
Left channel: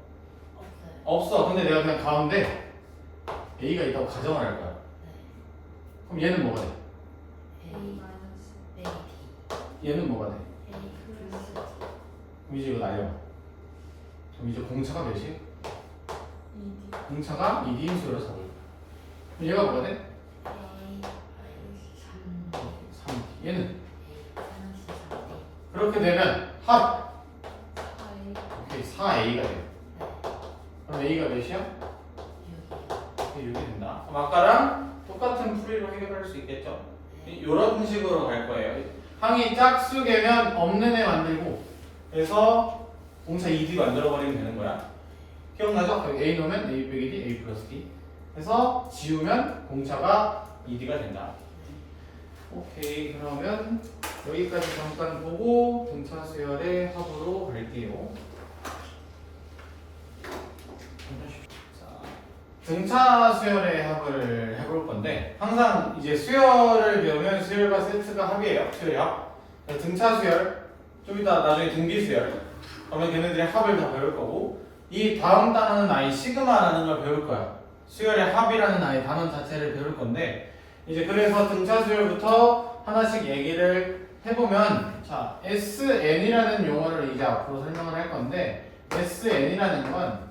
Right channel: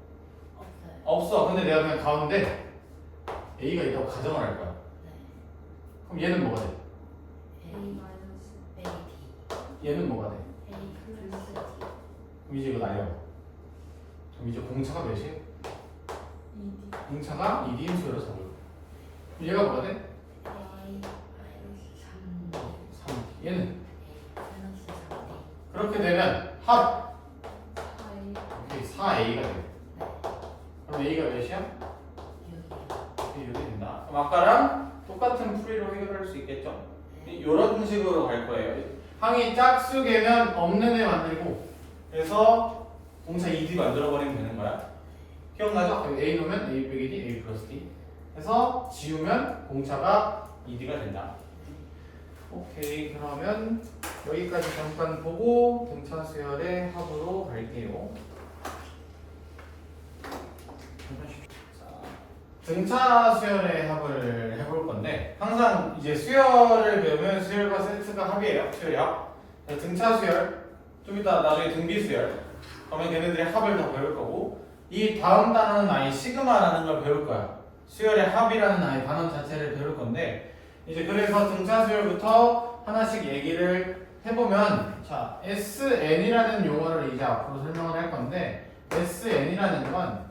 없어. 근데 내가 그냥 가운데 A가 있다고 가정을 할 거야. 그럼 얘는 뭐가 돼? A 마이너스 얘는 뭐가 돼? A 플러스 그럼 이제 이거 날려. 그럼 이제 공차가 몇이에요? 2D 공차가 2D인 수로 잡을 거야. 그럼 얘가 뭐가 돼? A 마이너스 3 3D. 얘는 A 플러스 3A 그렇게 되면 합 4A 4A가 돼요. 그럼 A가 몇이야? 6이 된다. 그럼 아까랑 똑같은 풀이로 해결할 수 있겠죠? 이런 식으로 갈 거예요. 항이 짝수개면 없는 애 만들고 그래서 공차 2D 만들어버리면 되는 거야. 기억나죠? A 놓으면 A 빼기 D, A 플러스 D 해서 지우면 공차가 2D가 된다. 오케이, 그러면 여기까지 잠깐 보고 등차 수열의 합으로 갈게요. 등차 수열의 합을 해볼 건데 항상 이제 수열을 배우면 수열과 세트가 합이에요. 수열이 합. 등차 수열 좀 이따 나중에 등비 수열 그러면 걔네들의 합을 다 배울 거고 이 다음 단어는 아예 시그마라는 걸 배울 거야. 수열의 합이라는 아예 단어 자체를 배울 건데 이제 그래서 등차 수열부터 하나씩 얘기를 해보면 자 SN이라는 용어를 이제 앞으로 설명을 할 건데 SN이라는 건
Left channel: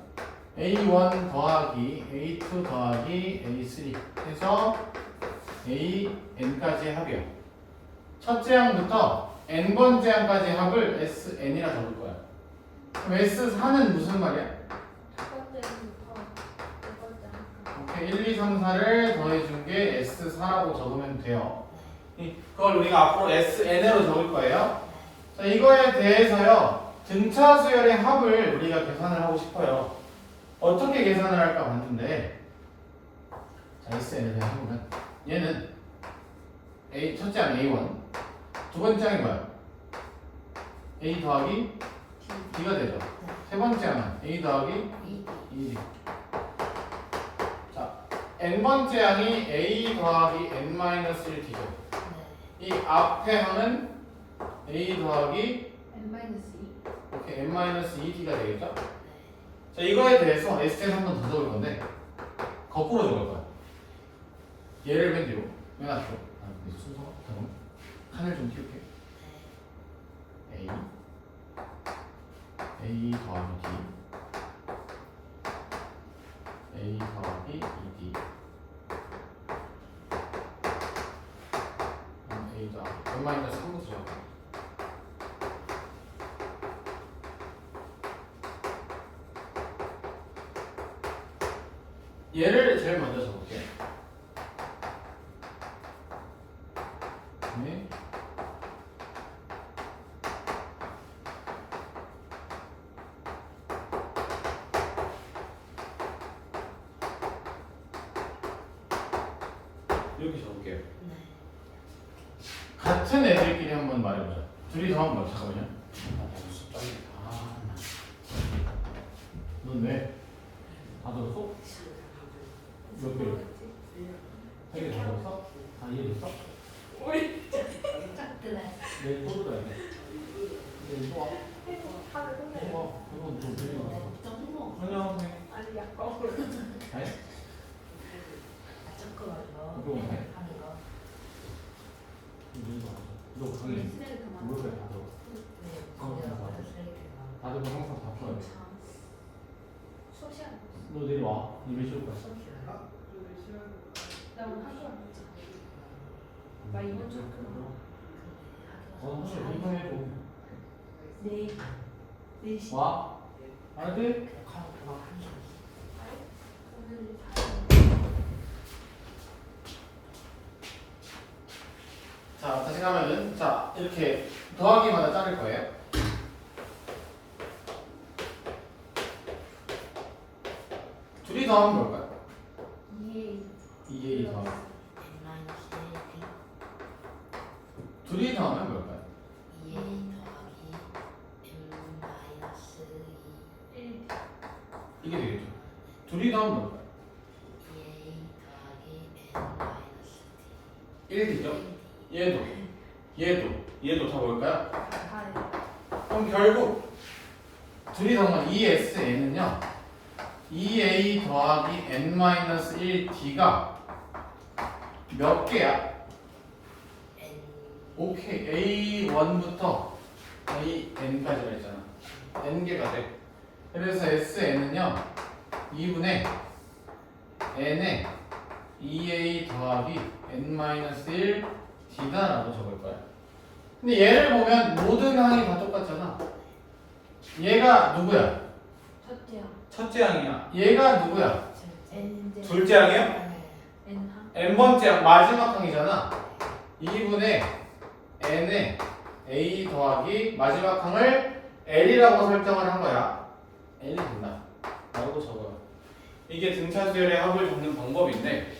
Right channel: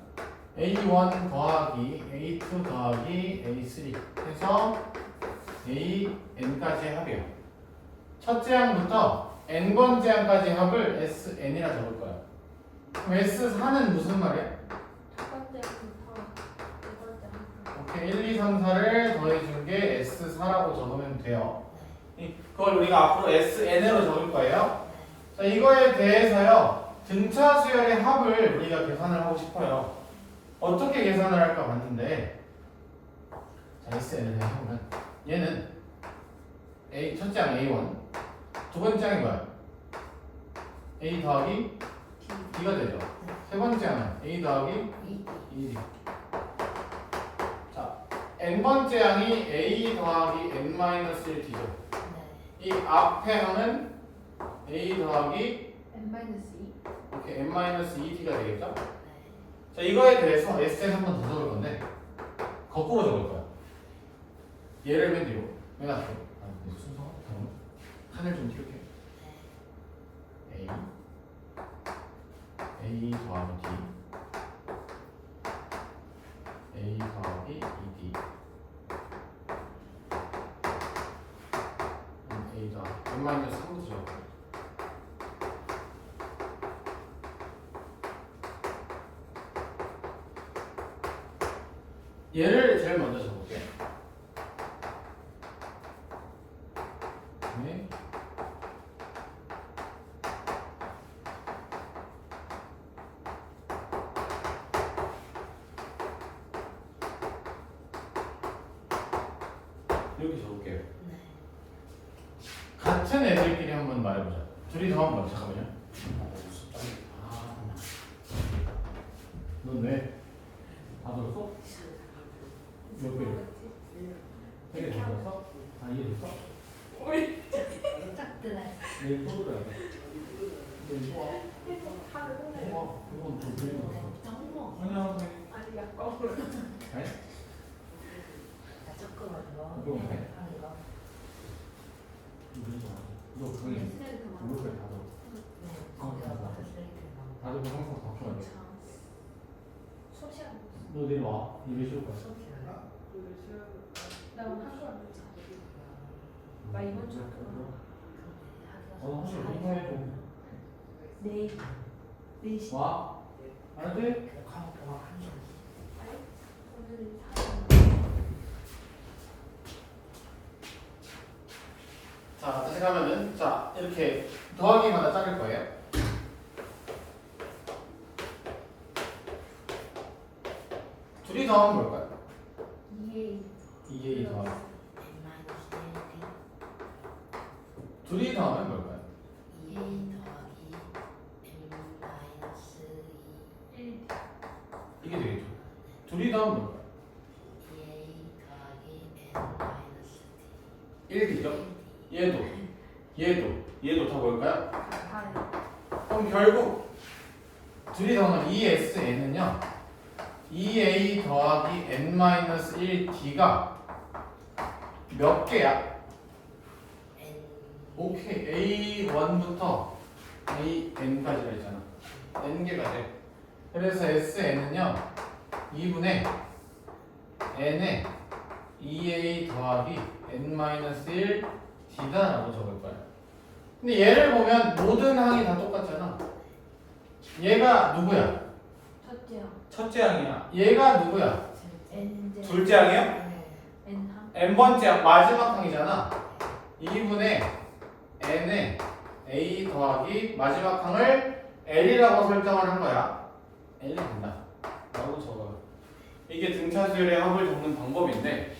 A1 더하기 A2 더하기 A3 해서 AN까지의 합이에요. 첫째 항부터 n번째 항까지 합을 SN이라 적을 거야. 그럼 S4는 무슨 말이야? 첫 번째부터 두 번째 한 오케이, 1, 2, 3, 4를 더해준 게 S4라고 적으면 돼요. 그걸 우리가 앞으로 SN으로 적을 거예요. 자, 이거에 대해서요, 등차 수열의 합을 우리가 계산을 하고 싶어요. 어떻게 계산을 할까 봤는데, 자, SN을 해보면 얘는 첫째 항 A1, 두 번째 항이 뭐야? A 더하기 D가 되죠. 세 번째 항은 A 더하기 2D. 자, n번째 항이 A 더하기 n-1D죠. 이 앞에 항은 A 더하기 N-2 이렇게 n-2D가 되겠죠? 자, 이거에 대해서 SN 한 번 더 적을 건데 거꾸로 적을 거야. 얘를 맨 뒤로, 맨 앞으로. 순서가 잠깐만. 칸을 좀 띄울게. A 더하기 D, A 더하기 2D, A 더하기 n-3부터 적을 거야. 얘를 제일 먼저 적을게. 네. 이렇게 적을게요. 같은 애들끼리 한번 말해보자. 둘이 더 한번 잠깐만요. 넌 왜? 다 들었어? 몇 개? 세개 들었어? 다 이해됐어? 얘 소리가 돼. 얘 좋아. 그건 좀 들리는 거. 안녕하세요. 아니 약간으로 네? 조금만 이거 해? 너 강의 블록에 다 들어. 다들 항상 다 풀어야 돼. 수업 시간 너 내일 와. 너 몇 시로 가? 나 오늘 학교 안 갔잖아. 나 이번 주 학교 너 사실 인사해줘. 내일 4시 와. 알았지? 오늘 자, 다시 가면은 자 이렇게 더하기마다 자를 거예요. 둘이 더하면 뭘까요? 2A 더하기. 둘이 더하면 뭘까요? 이게 되겠죠. 둘이 더하면 뭘까요? 1D죠. 얘도 다 뭘까요? 그럼 결국 둘이 더하면 2SN은요 2A 더하기 n-1D가 몇 개야? 오케이, A1부터 AN까지가 있잖아. n개가 돼. 그래서 SN은요 2분의 n에 2A 더하기 n-1D다라고 적을 거야. 근데 얘를 보면 모든 항이 다 똑같잖아. 얘가 누구야? 첫째요. 첫째 항이야. 얘가 누구야? N 둘째 항이요? N 항 n번째 항 마지막 항이잖아. 2분의 n에 a 더하기 마지막 항을 l이라고 설정을 한 거야. l이 된다 라고 적어. 이게 등차수열의 합을 적는 방법인데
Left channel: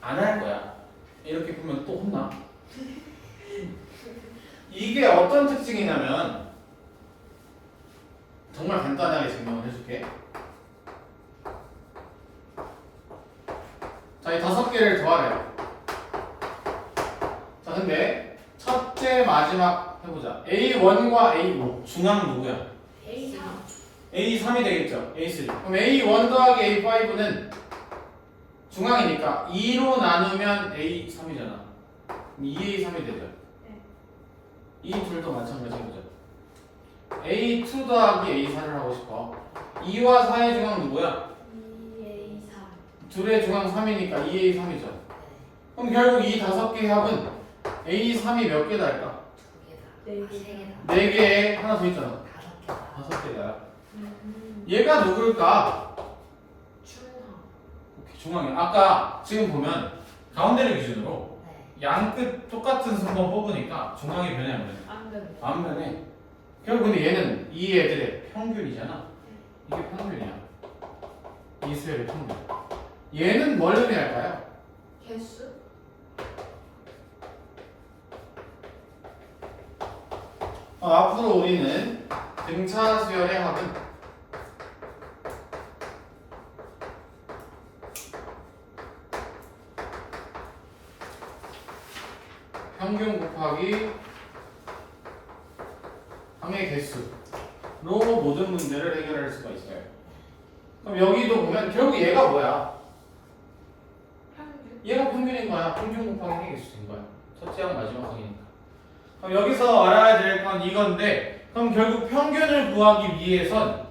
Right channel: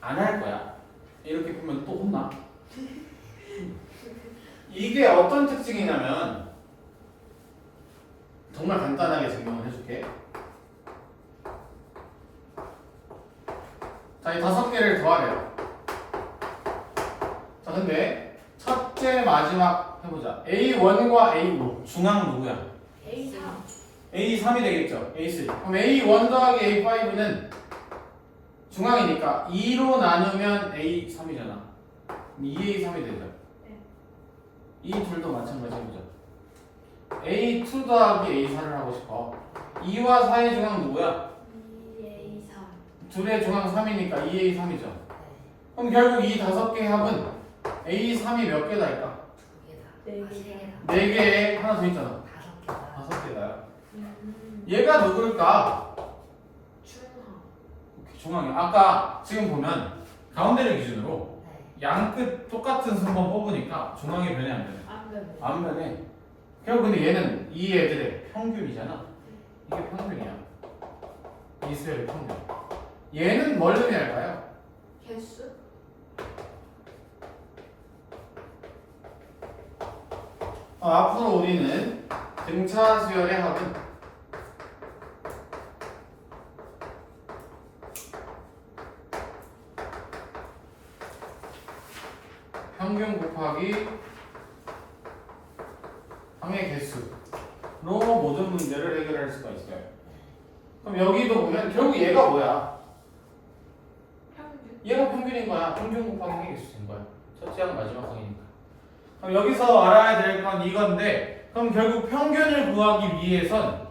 안 할 거야. 이렇게 보면 또 혼나. 이게 어떤 특징이냐면 정말 간단하게 증명을 해줄게. 자, 이 5개를 더하래요. 자, 근데 첫째 마지막 해보자. A1과 A5 중앙 누구야? A3 A3이 되겠죠. A3. 그럼 A1 더하기 A5는 중앙이니까 2로 나누면 A3이잖아. 2A3이 되죠. 네. 이 둘도 마찬가지 해보자. A2 더하기 A4를 하고 싶어. 2와 4의 중앙 누구야? 2A3 둘의 중앙 3이니까 2A3이죠. 그럼 결국 이 5개의 합은 A3이 몇 개 달까? 네 개. 4개에 하나 더 있잖아. 5개다. 얘가 누굴까? 중앙에. 아까 지금 보면 가운데를 기준으로 양끝 똑같은 순번 뽑으니까 중앙이 변해 안 변해? 안 변해. 안 변해. 결국 근데 얘는 이 애들의 평균이잖아. 이게 평균이야. 이 수열의 평균. 얘는 뭘 의미할까요? 개수? 앞으로 우리는 등차 수열의 합은 평균 곱하기 항의 개수로 모든 문제를 해결할 수가 있어요. 그럼 여기도 보면 결국 얘가 뭐야? 평균? 얘가 평균인 거야. 평균 곱하기 항의 개수인 거야. 첫째 항 마지막 항이니까. 그럼 여기서 알아야 될 건 이건데, 그럼 결국 평균을 구하기 위해선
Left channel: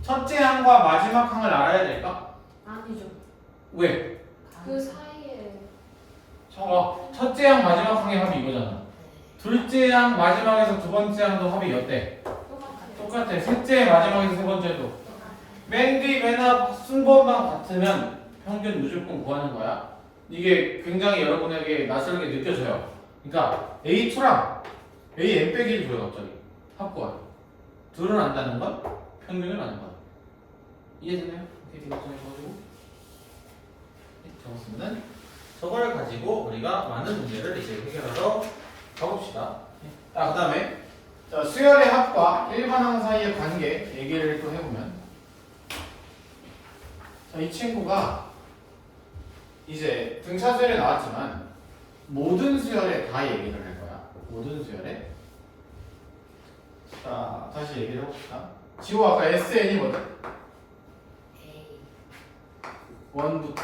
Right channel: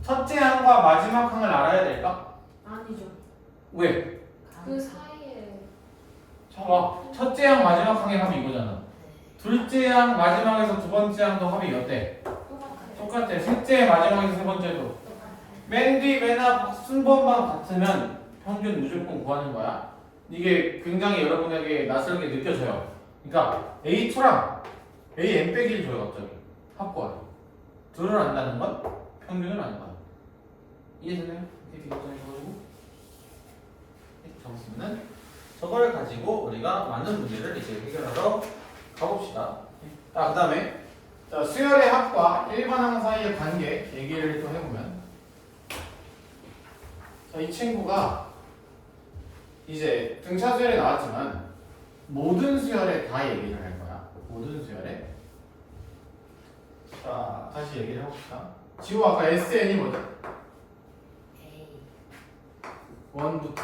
첫째 항과 마지막 항을 알아야 될까? 아니죠. 왜? 그 사이에 첫째 항 마지막 항의 합이 이거잖아. 둘째 항 마지막에서 두 번째 항도 합이 어때? 똑같아요. 똑같아. 셋째 마지막에서 세 번째도. 똑같아요. 맨 뒤 맨 앞 순번만 같으면 평균 무조건 구하는 거야. 이게 굉장히 여러분에게 낯설게 느껴져요. 그러니까 A2랑 AN 빼기를 줘요 갑자기. 합구하요. 둘을 안다는 건 평균을 아는 거야. 이해되나요? 이렇게 걱정해가지고 적었으면은 저걸 가지고 우리가 많은 문제를 이제 해결하러 가봅시다. 자, 그 다음에 수열의 합과 일반항 사이의 관계 얘기를 또 해보면, 자, 이 친구가 이제 등차 수열에 나왔지만 모든 수열에 다 얘기를 할 거야. 모든 수열에. 자, 다시 얘기를 해봅시다. 지호 아까 SN이 뭐죠? 원부터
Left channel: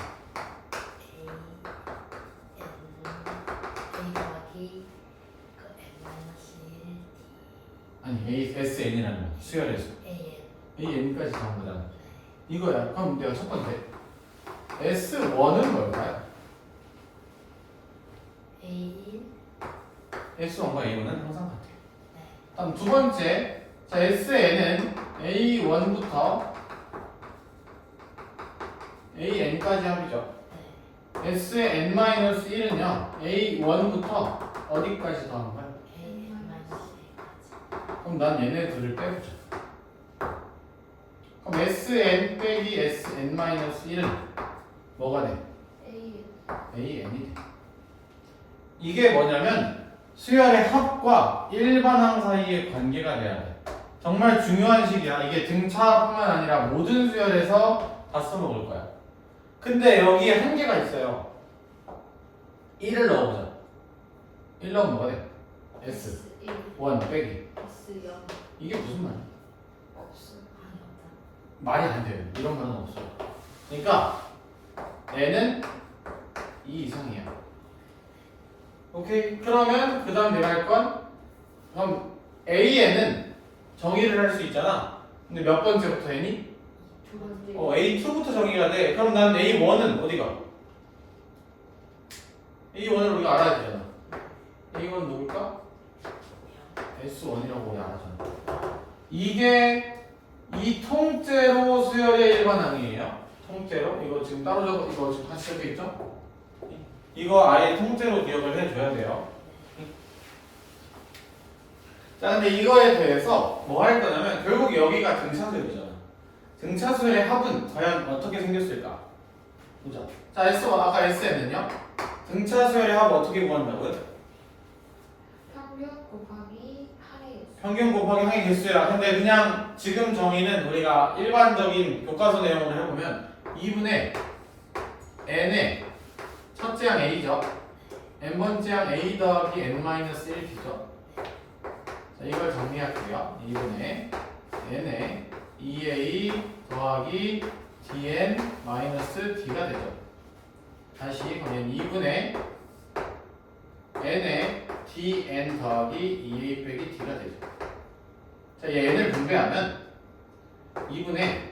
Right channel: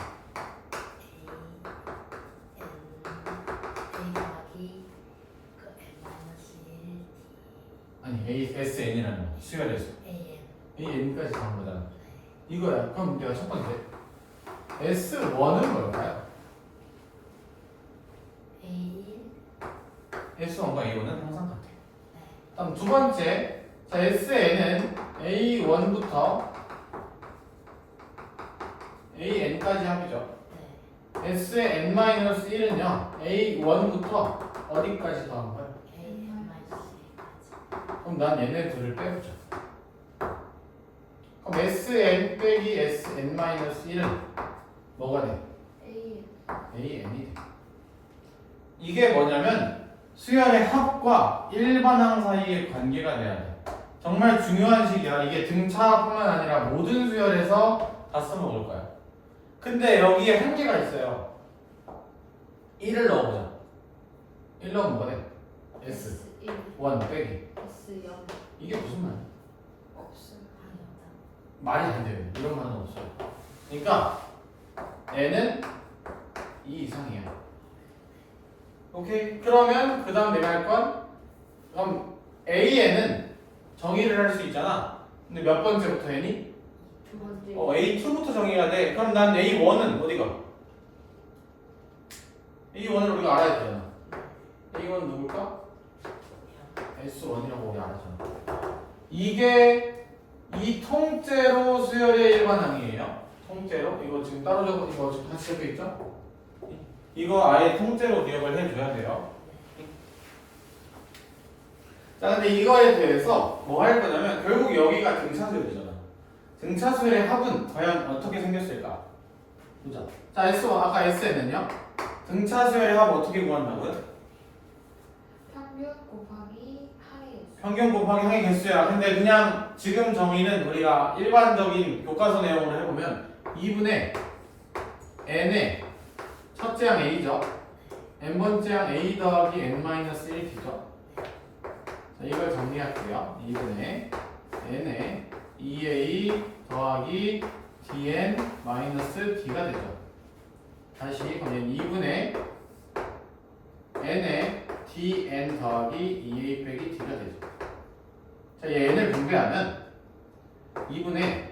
아니 SN이라는 거 수열에서 AN까지 다 한 거잖아. 이거야. 그럼 내가 첫 번째 S1은 뭘까요? S1과 A1은 항상 같아요. 다음 두 번째, 자 SN은 A1부터 AN까지 합이죠. SN-1은요 A1부터 어디까지 더한 거야? 그럼 난 얘네 둘을 빼보자. 그럼 SN 빼기 SN-1은 뭐가 돼? AN이 돼. 이게 뭐냐면 수열의 합과 일반항 사이의 관계가 돼야 돼. 정말 중요한 식이야. 이게 등차뿐만 아니라 모든 수열에서 다 써먹을 거야. 근데 여기에 한계가 있어요. 1을 넣어보자. 1 넣으면 뭐가 돼? S1 빼기. S0 이게 무슨 말이야? 없음. 말이 안 돼요. 이런 말은 없어요. 그러니까 n은 2 이상이야. 오케이? 그러면 그 다음 내가 할 건, 그럼 AN은 정의를 할 수 있잖아. 근데 몇 번째부터 n이? 두 번째. A2부터 정의해야 돼. 그럼 난 A1은 어디가? A1을 우리가 알아야 되잖아. A1 누굴까? S1이라고 우리 알았잖아. 이게 이 통째로 수열의 일반항이에요. 통째로. 이거 지금 따로 적어, 이거 지금 같이 적혀 있죠? 이거 아예 통째로 기억을 해줘야 돼요. 자, 근데 이거에 대해서 뭐 할 거냐면 결국 여기가 등차수열이잖아. 등차수열의 합은 과연 어떻게 생겼을까? 보자. 자, S1 아까 SN은요? 등차수열의 합 어떻게 구한다고요? 평균 곱하기 항의 개수. 평균 곱하기 항의 개수야. 근데 그냥 지금 정의는 우리가 일반적인 교과서 내용으로 해보면 2분의 n의 첫째 항 a죠. n번째 항 a 더하기 n-1t죠. 자, 이걸 정리할게요. 2분의 n의 2a 더하기 dn-t가 되죠. 다시 그러면 2분의 n의 dn 더하기 2a 빼기 t가 되죠. 자, 얘 n을 분배하면 2분의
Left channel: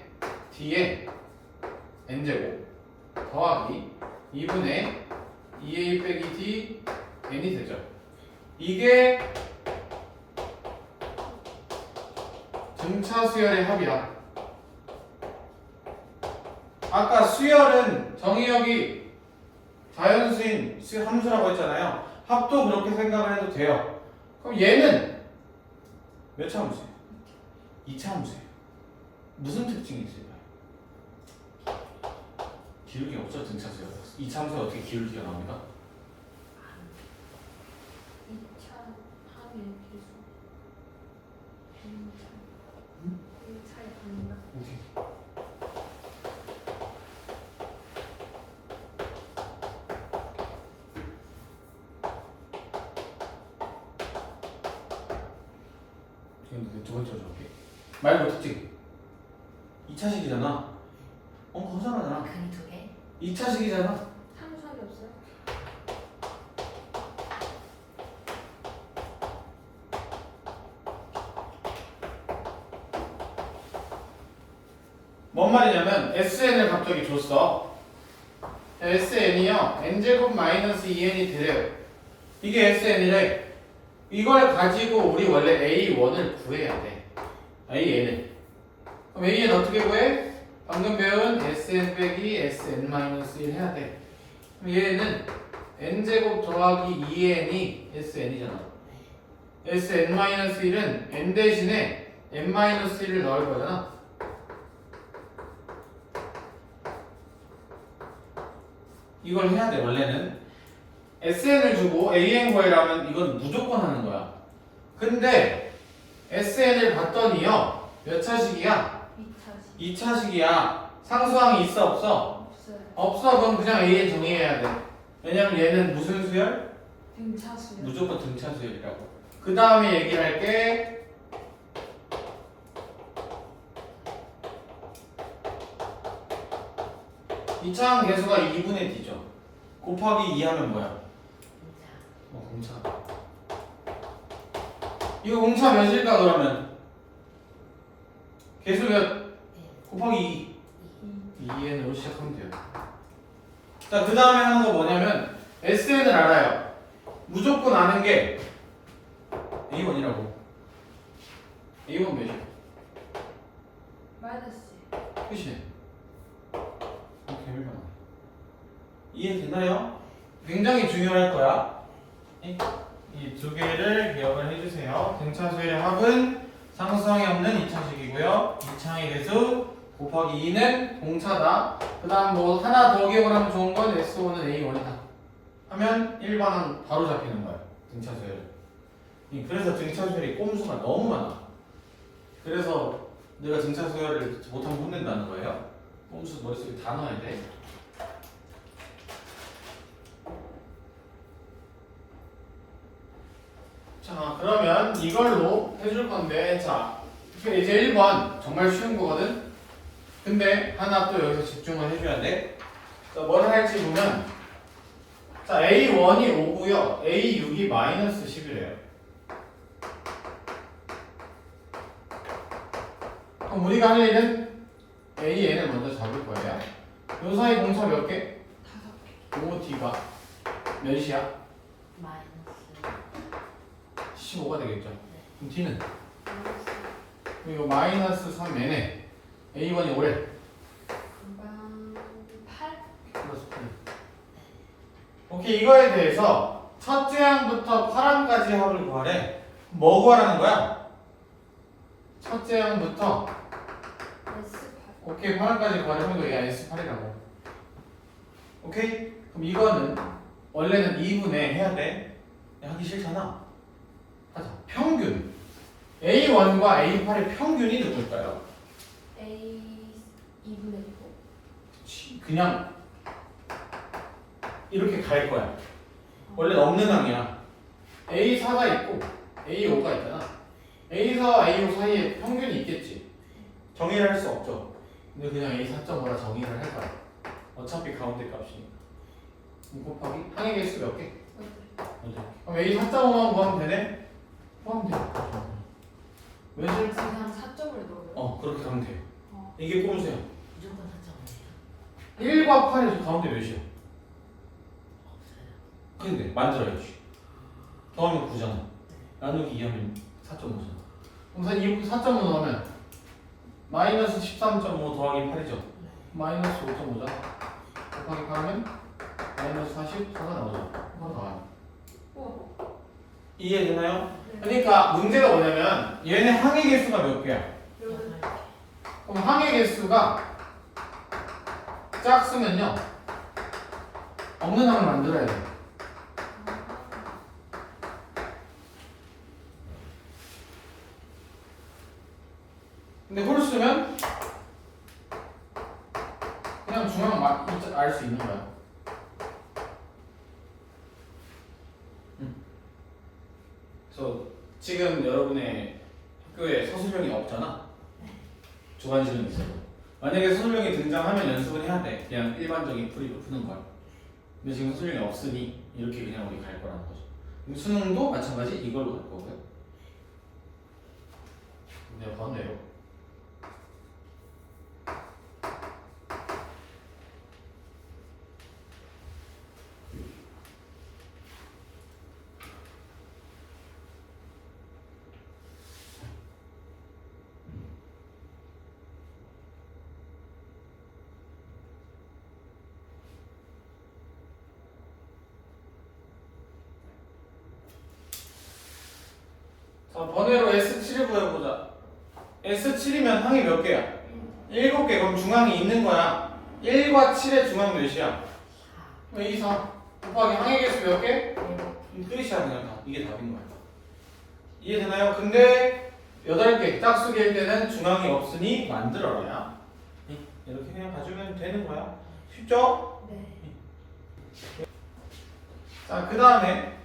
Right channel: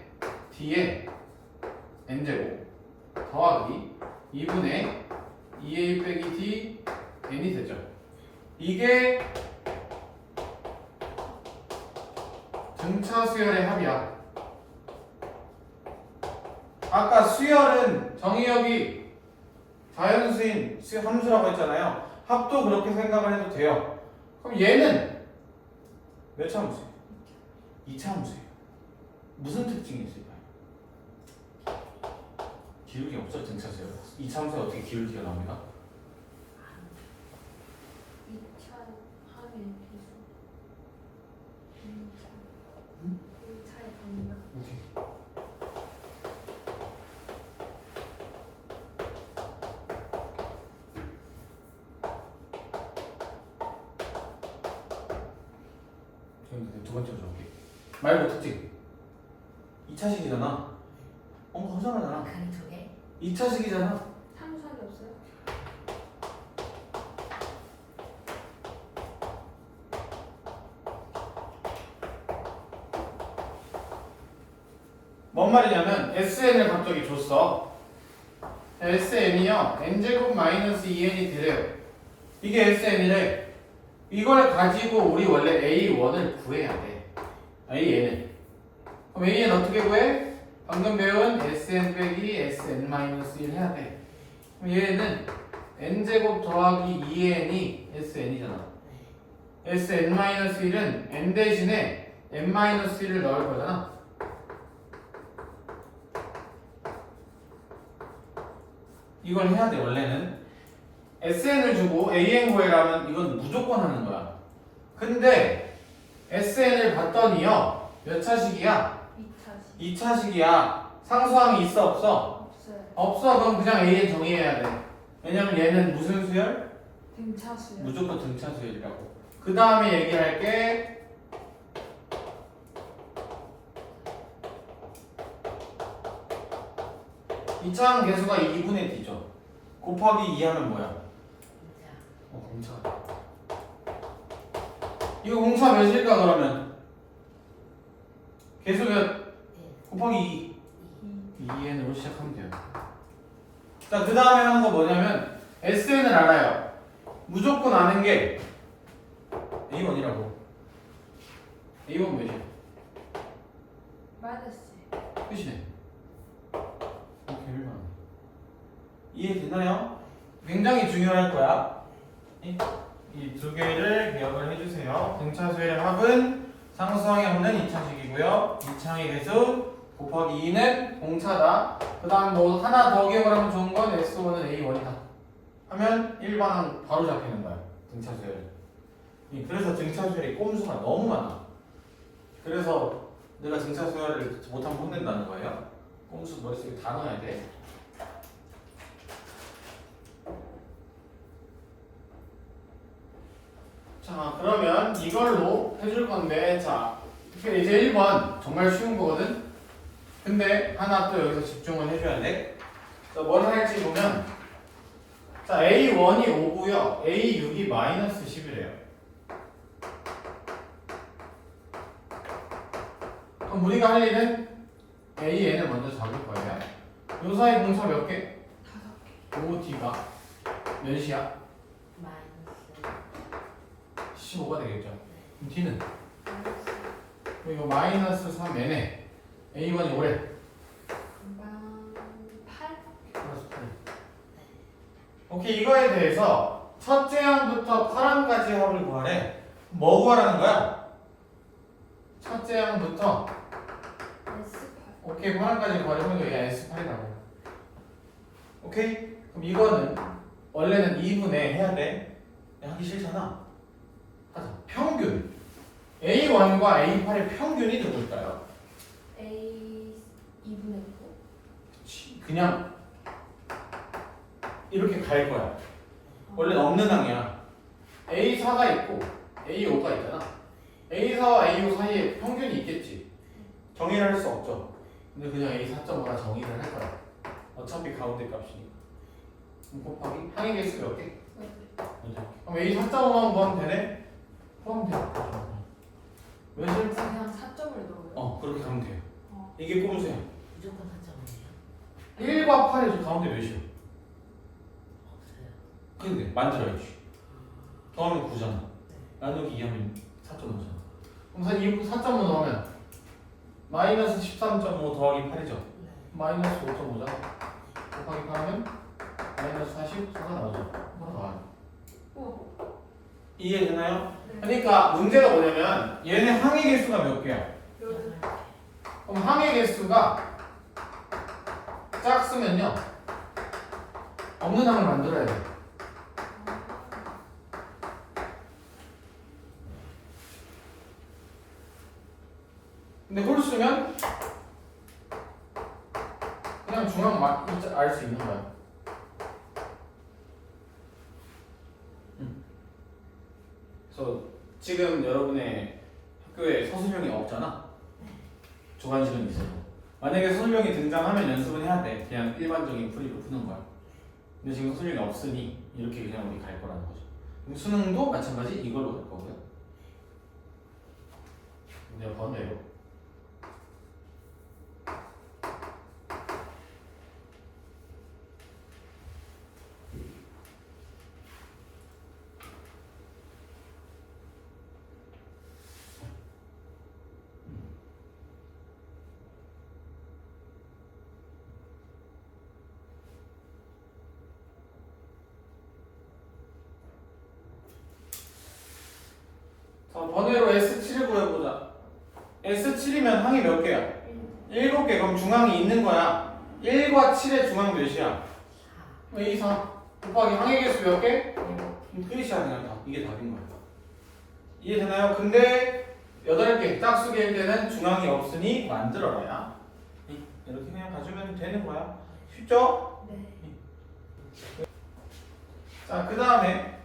d의 n제곱 더하기 2분의 2a 빼기 d n이 되죠. 이게 수열의 합이야. 아까 수열은 정의역이 자연수인 함수라고 했잖아요. 합도 그렇게 생각을 해도 돼요. 그럼 얘는 몇 차 함수예요? 2차 함수예요. 무슨 특징이 있을까요? 기울기 없죠, 등차 수열. 2차 함수에 어떻게 기울기가 나옵니까? 2차 합의 비수. 1차의 합이나? 오케이. 지금 두 번째로 적을게. 말고 특징. 2차식이잖아. 거잖아. 근 두 개? 2차식이잖아. 함수합이 없어요? 뭔 말이냐면 SN을 갑자기 줬어. SN이요 n제곱 마이너스 2n이 되래요. 이게 SN이래. 이걸 가지고 우리 원래 A1을 구해야 돼. AN을. 그럼 AN 어떻게 구해? 방금 배운 SN 빼기 SN-1 해야 돼. 그럼 얘는 n제곱 더하기 2n이 SN이잖아. SN-1은 n 대신에 n-1을 넣을 거잖아. 이걸 해야 돼. 원래는 SN을 주고 AN 구해라면 이건 무조건 하는 거야. 근데 SN을 봤더니요 몇 차식이야? 2차식. 2차식이야. 상수항이 있어 없어? 없어요. 없어. 그럼 그냥 AN 정의해야 돼. 왜냐면 얘는 무슨 수열? 등차수요. 무조건 등차 수열이라고. 그 다음에 얘기할게. 이차항 계수가 2분의 D죠. 곱하기 2 하면 뭐야? 진짜. 공차. 이거 공차 몇일까 그러면? 계수 몇? 곱하기 2. 2n으로 시작하면 돼요. 자, 그 다음에 하는 거 뭐냐면 SN을 알아요. 무조건 아는 게 A1이라고. A1 몇이야? 마이너스. 끝이네. 이렇게 1번. 이해되나요? 굉장히 중요할 거야. 이 두 개를 기억을 해주세요. 등차수열의 합은 상수항이 없는 2차식이고요. 2차항의 개수 곱하기 2는 공차다. 그 다음 뭐 하나 더 기억을 하면 좋은 건 S1은 A1이다. 하면 1반항 바로 잡히는 거예요. 등차수열. 그래서 등차수열이 꼼수가 너무 많아. 그래서 내가 등차수열을 못하면 혼낸다는 거예요. 꼼수 머릿속에 다 넣어야 돼. 자, 그러면 이걸로 해줄 건데, 자, 이제 1번 정말 쉬운 거거든? 근데 하나 또 여기서 집중을 해줘야 돼. 자, 뭘 할지 보면, 자, A1이 5고요, A6이 마이너스 10이래요. 그럼 우리가 할 일은 AN을 먼저 잡을 거예요. 요 사이 공차 몇 개? 5개. 요 D가 몇이야? 마이너스. 15가 되겠죠. 그럼 D는? 마이너스. 이거 마이너스 3n에 A1이 5래. 금방 8. 플러스 8. 오케이, 이거에 대해서 첫째 항부터 8항까지 합을 구하래. 뭐 구하라는 거야? 첫째 항부터 S8. 오케이 8항까지 구하려면 얘가 S8이라고. 오케이? 그럼 이거는 원래는 2분의 해야 돼. 하기 싫잖아. 하자. 평균. A1과 A8의 평균이 누굴까요? A 2분의 9. 그냥 이렇게 갈 거야. 원래는 없는 항이야. A4가 있고 A5가 있잖아. A4와 A5 사이에 평균이 있겠지. 정의를 할 수 없죠. 근데 그냥 A4.5라 정의를 할 거야. 어차피 가운데 값이니까. 그럼 곱하기 항의 개수 몇 개? 그럼 A4.5만 구하면 되네? 구하면 돼. 왜지? 그냥 4점을 넣어요. 그렇게 가면 돼요. 어. 이게 꼼수야. 무조건 4.5예요? 1과 8이 가운데 몇이야? 없어요. 근데 만들어야지. 더하면 9잖아. 나누기 2하면 4.5잖아. 그럼 4.5 넣으면 마이너스 13.5 더하기 8이죠. 네. 마이너스 5.5잖아. 곱하기 8하면 마이너스 44가 나오죠. 그거 나와요. 우와. 이해되나요? 네. 그러니까 문제가 뭐냐면 얘네 항의 개수가 몇 개야? 여덟. 그럼 항의 개수가 작으면요 없는 항을 만들어야 돼. 근데 홀수면 그냥 중앙 알 수 있는 거야. 그래서 지금 여러분의 학교에 서술형이 없잖아. 주관식은 있어도. 만약에 서술형이 등장하면 연습은 해야 돼. 그냥 일반적인 풀이로 푸는 거야. 근데 지금 서술형이 없으니 이렇게 그냥 우리 갈 거라는 거죠. 그럼 수능도 마찬가지 이걸로 갈 거고요. 네, 번외로. 자, 번외로 S7을 구해보자. S7이면 항이 몇 개야? 7개. 그럼 중앙이 있는 거야. 1과 7의 중앙 몇이야? 2, 4. 곱하기 항의 개수 몇 개? 끝이야. 그냥 답. 이게 답인 거야. 이해되나요? 근데 8개 짝수개일 때는 중앙이 없으니 만들어라야. 이렇게 그냥 가지면 되는 거야. 쉽죠? 네. 자, 그 다음에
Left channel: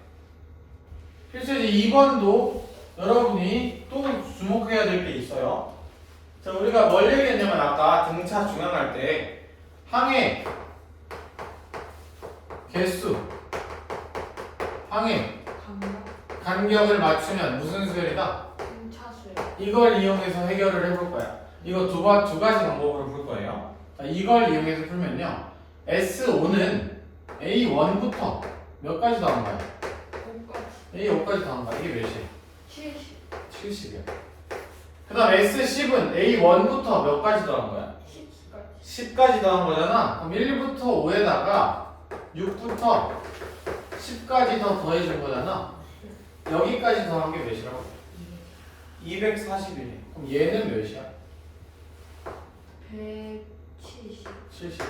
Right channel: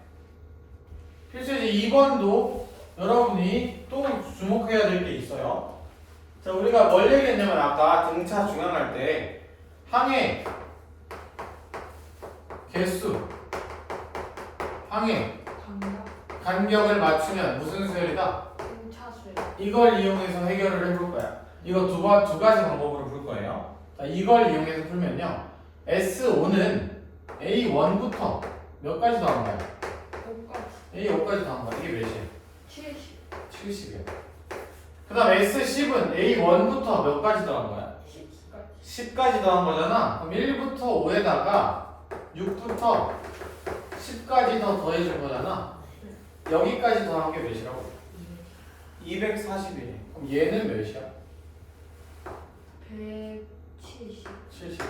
필수지 2번도 여러분이 또 주목해야 될 게 있어요. 자, 우리가 뭘 얘기했냐면 아까 등차 중앙할 때 항의 개수, 항의 감각. 간격을 맞추면 무슨 수열이다? 등차수열. 이걸 이용해서 해결을 해볼 거야. 이거 두 가지 방법으로 풀 거예요. 자, 이걸 이용해서 풀면요. S5는 A1부터 몇 가지 더한 거야? 5까지. A5까지 더한 거야. 이게 몇이야? 70. 70이야. 그 다음 S10은 A1부터 몇 가지 더한 거야? 10까지. 10까지 더한 거잖아. 그럼 1부터 5에다가 6부터 10까지 더 더해줄 거잖아. 여기까지 더한 게 몇이라고? 241. 그럼 얘는 몇이야? 170. 70.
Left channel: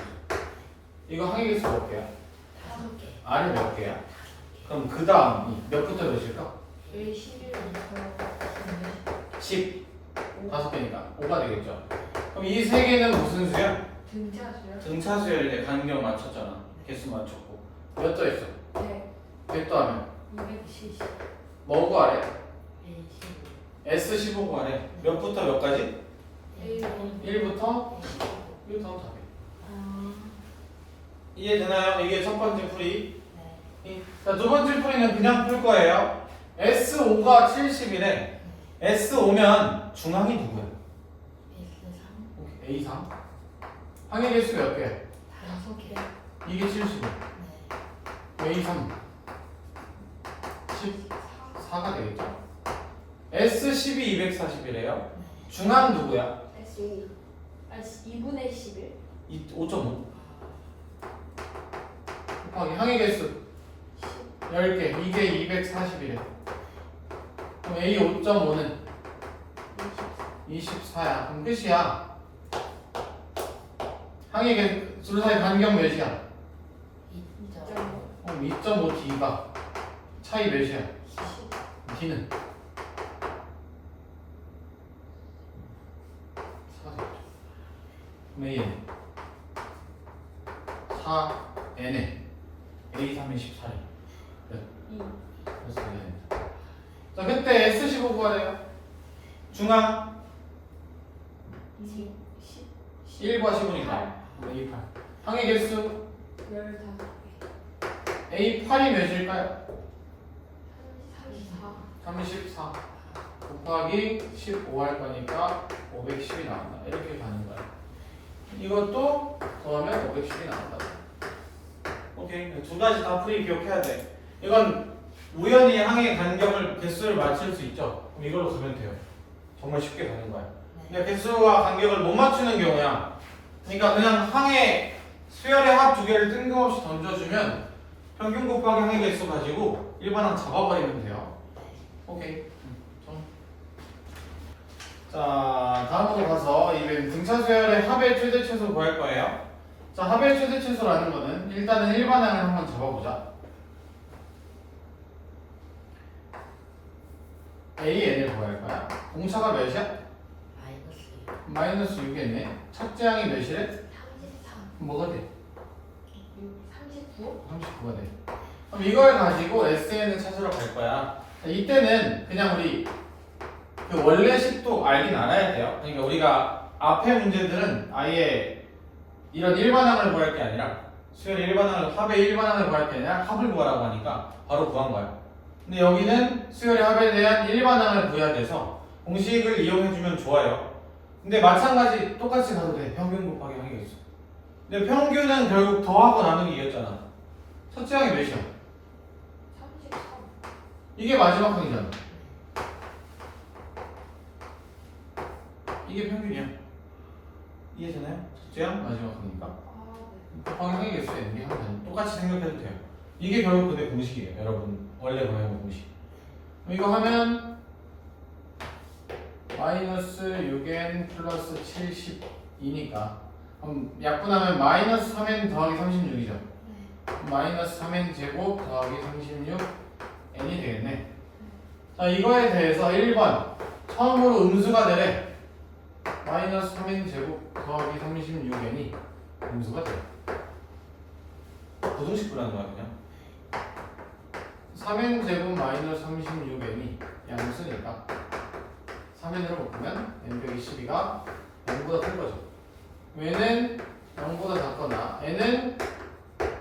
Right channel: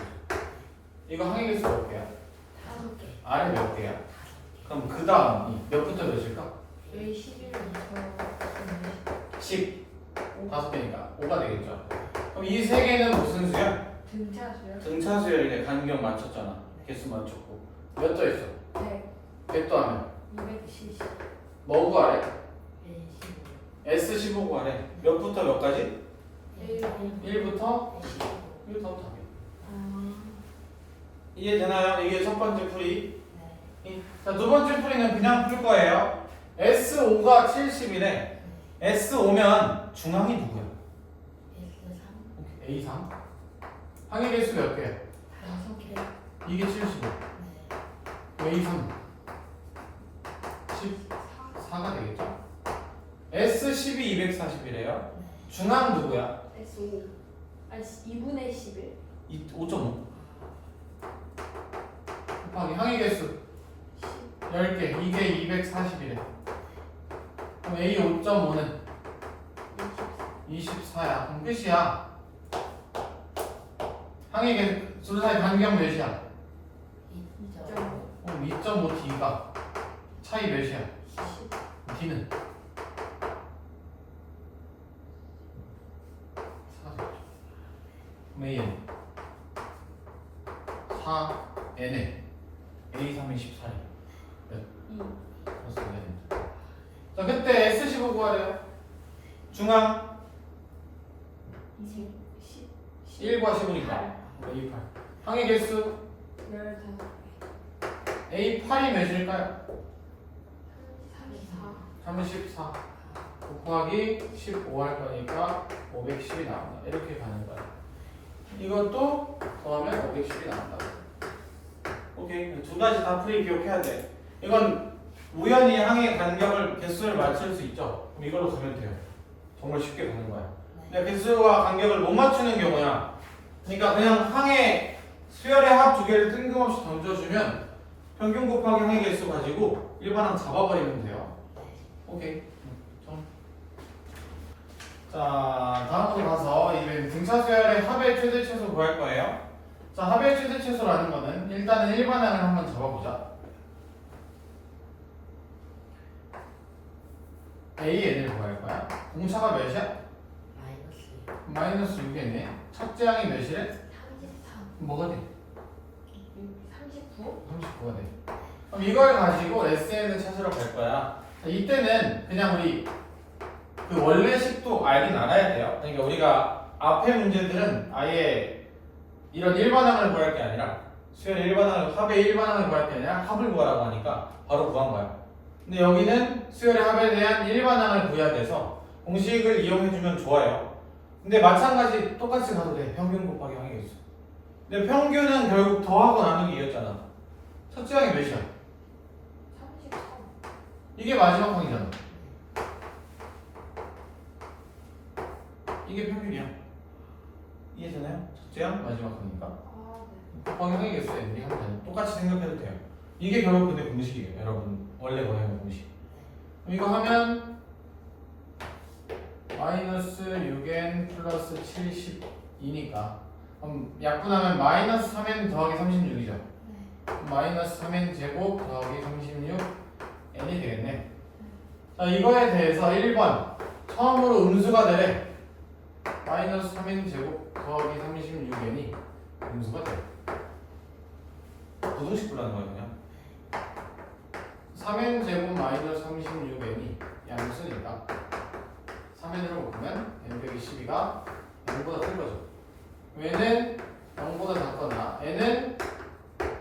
이거 항의 개수 몇 개야? 5개. R이 몇 개야? 그럼 그 다음이 몇부터 몇일까? A11부터 10. 5개니까 5가 되겠죠. 그럼 이 세 개는 무슨 수야? 등차수열. 등차수열이네. 간격 맞췄잖아. 개수 맞췄고. 몇 더했어? 100. 100 더하면 270. 뭐 구하래? N15. S15 구하래. 몇부터 몇까지? A1. 1부터 15. 1부터 답이. 아. 이해되나요? 이게 첫 번째 풀이. 네. 자, 두 번째 풀이는 그냥 풀 거예요. S5가 70이래. S5면 중앙이 누구야? S3. 오케이, A3. 항의 개수 몇 개? 5개. 이게 70이야. 네. A3. 14가 되겠죠? S12 240이래요. 중앙 누구야? S5. 아니 2분의 11. 5.5. 곱하기 항의 개수 10개. 이게 240이래. 그럼 A 5.5는 24야. 그럼 끝이야. 항의 개수 둘 사이 간격 몇이야? 2.5. 2.5D가 차이 몇이야? D는 4가 되겠죠. 그럼 A는 4N에 A3이 14래. 네. 2. 그래서 이게 된다. 자, 그때 S15 구하래요. 중앙 10. 1과 15니까 A8. 항의 개수 15개. A8이 몇일까요? 34. 34 곱하기 15 할 거니까 510이 나온다. 이렇게 가는 거야. 이것도 더하면 510이 나온다. 오케이. 두 가지 다 풀이 기억해야 돼. 이건 우연히 항의 간격을 개수를 맞출 수 있죠. 그럼 이걸로 가면 돼요. 정말 쉽게 가는 거야. 개수와 간격을 못 맞추는 경우야. 그러니까 그냥 항의 수열의 합 두 개를 뜬금없이 던져주면 평균 곱하기 항의 개수 가지고 일반항 잡아버리면 돼요. 오케이. 자, 다음으로 가서 이제 등차 수열의 합의 최대 최소 구할 거예요. 자, 합의 최대 최소라는 거는 일단은 일반항을 한번 잡아보자. AN을 구할 거야. 공차가 몇이야? 마이너스 마이너스 6이네. 첫째 항이 몇이래? 33. 뭐가 돼? 39? 39가 돼. 그럼 이걸 가지고 SN을 찾으러 갈 거야. 이때는 그냥 우리 그 원래 식도 알긴 알아야 돼요. 그러니까 우리가 앞에 문제들은 아예 이런 일반항을 구할 게 아니라 수열의 일반항을 합의 일반항을 구할 게 아니라 합을 구하라고 하니까 바로 구한 거야. 근데 여기는 수열의 합에 대한 일반항을 구해야 돼서 공식을 이용해주면 좋아요. 근데 마찬가지 똑같이 가도 돼. 평균 곱하기 항의 개수. 근데 평균은 결국 더하고 나누기 이었잖아. 첫째 항이 몇이야? 33. 이게 마지막 항이잖아. 이게 평균이야. 이해되나요? 첫째 항 마지막 항이니까. 아, 네. 곱하기 항의 개수 n이 하면 똑같이 생각해도 돼요. 이게 결국 근데 공식이에요. 여러분 원래 구하는 공식. 그럼 이거 하면 마이너스 6n 플러스 72니까 그럼 약분하면 마이너스 3n 더하기 36이죠. 마이너스 3n 제곱 더하기 36 n이 되겠네. 자, 이거에 대해서 1번 처음으로 음수가 되래. 마이너스 3n 제곱 더하기 36n이 음수가 돼. 부등식 불하는 거야 그냥. 3n 제곱 마이너스 36n이 양수니까 3n으로 바꾸면 n 빼기 12가 0보다 큰 거죠. 얘는 0보다 작거나 n은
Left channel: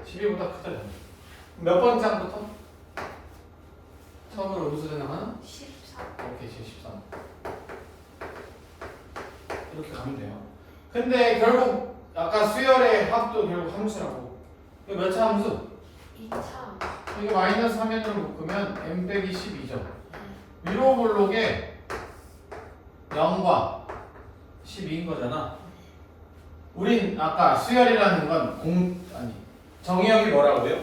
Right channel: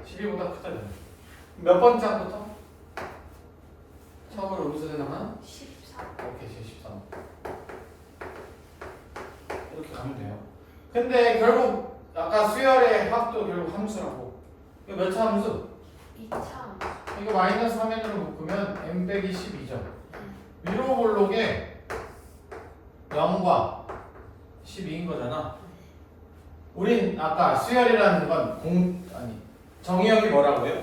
12보다 크잖아요. 몇 번째 항부터? 처음으로 음수되는 항은? 13. 오케이, 13. 이렇게 가면 돼요. 근데 결국 아까 수열의 합도 결국 함수라고. 이거 몇 차 함수? 2차. 이거 마이너스 3n으로 묶으면 n 빼기 12죠. 위로 볼록에 0과 12인 거잖아. 우린 아까 수열이라는 건 정의역이 뭐라고 해요?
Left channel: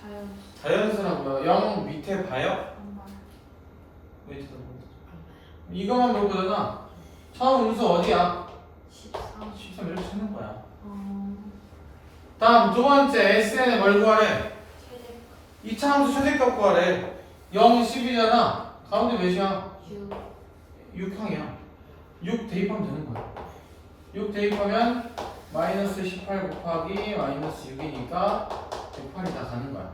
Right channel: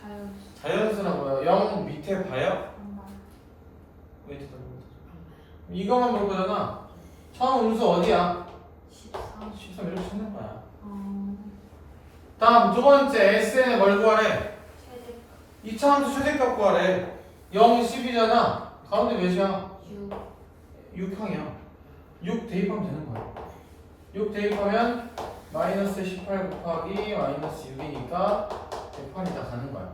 자연. 자연수라고요. 0 밑에 봐요? 정말. 왜 쳐다보고 이거만 볼 거잖아. 처음 음수 어디야? 13. 13 이렇게 찾는 거야. 어. 다음 두 번째 SN의 뭘 구하래? 최대. 2차 함수 최대값 구하래. 0, 10이잖아. 가운데 몇이야? 6. 6항이야. 6 대입하면 되는 거야. 6 대입하면 마이너스 18 곱하기 마이너스 6이니까 108이 다 가는 거야.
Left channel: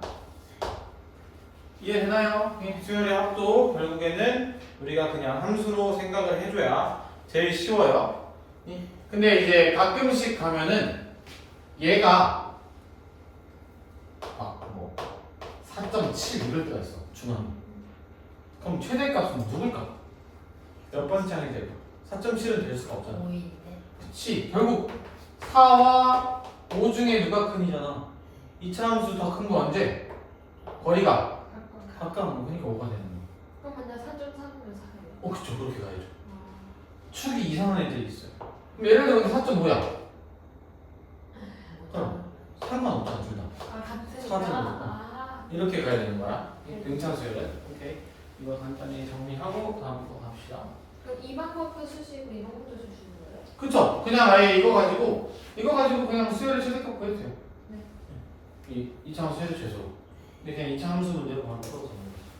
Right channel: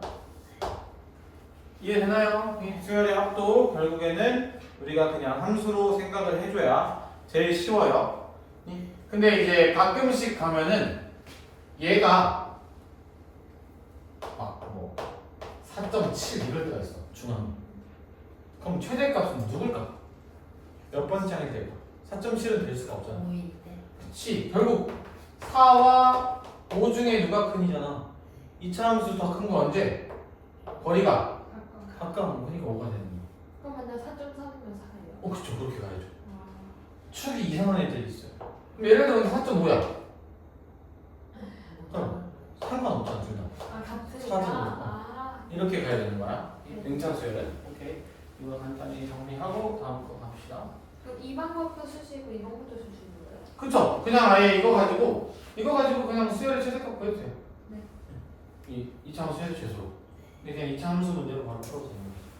이해되나요? 수열의 합도 결국에는 우리가 그냥 함수로 생각을 해줘야 제일 쉬워요. 근데 이제 가끔씩 가면은 얘가 막 뭐 4.7 이럴 때가 있어. 중앙. 그럼 최대값은 누굴까? 몇 번째 항이 될까? 4.7은 될 수가 없잖아. 5인데 그치. 결국 4와 5 중에 누가 큰이잖아. 2차 함수 더 큰 거 언제? 거리가 가까운 거니까 5가 되는 거야. 그럼 맨날 4.3이면 4예요. 그쵸. 그렇게 가야죠. 아. 축이 이상한 애들이 있어요. 그럼 예를 들면 4.5야. 상관없잖아, 둘 다. 아, 같으니까. 사진으로. 아. 이렇게 가야 되는 거야. 등차수열은. 오케이. 이거 간단히 정리하고 다음 거 갑시다. 그럼 이 방법도 쓰시고 이 방법도 쓰시는 거예요? 그쵸? 그냥 아예 이거 가지고 그냥 수열의 최대값 구해도 돼요. 네. 이 2차 함수 최대 최소. 근데 그냥 2차 함수 문제로 바로 풀어서 잡는 거죠.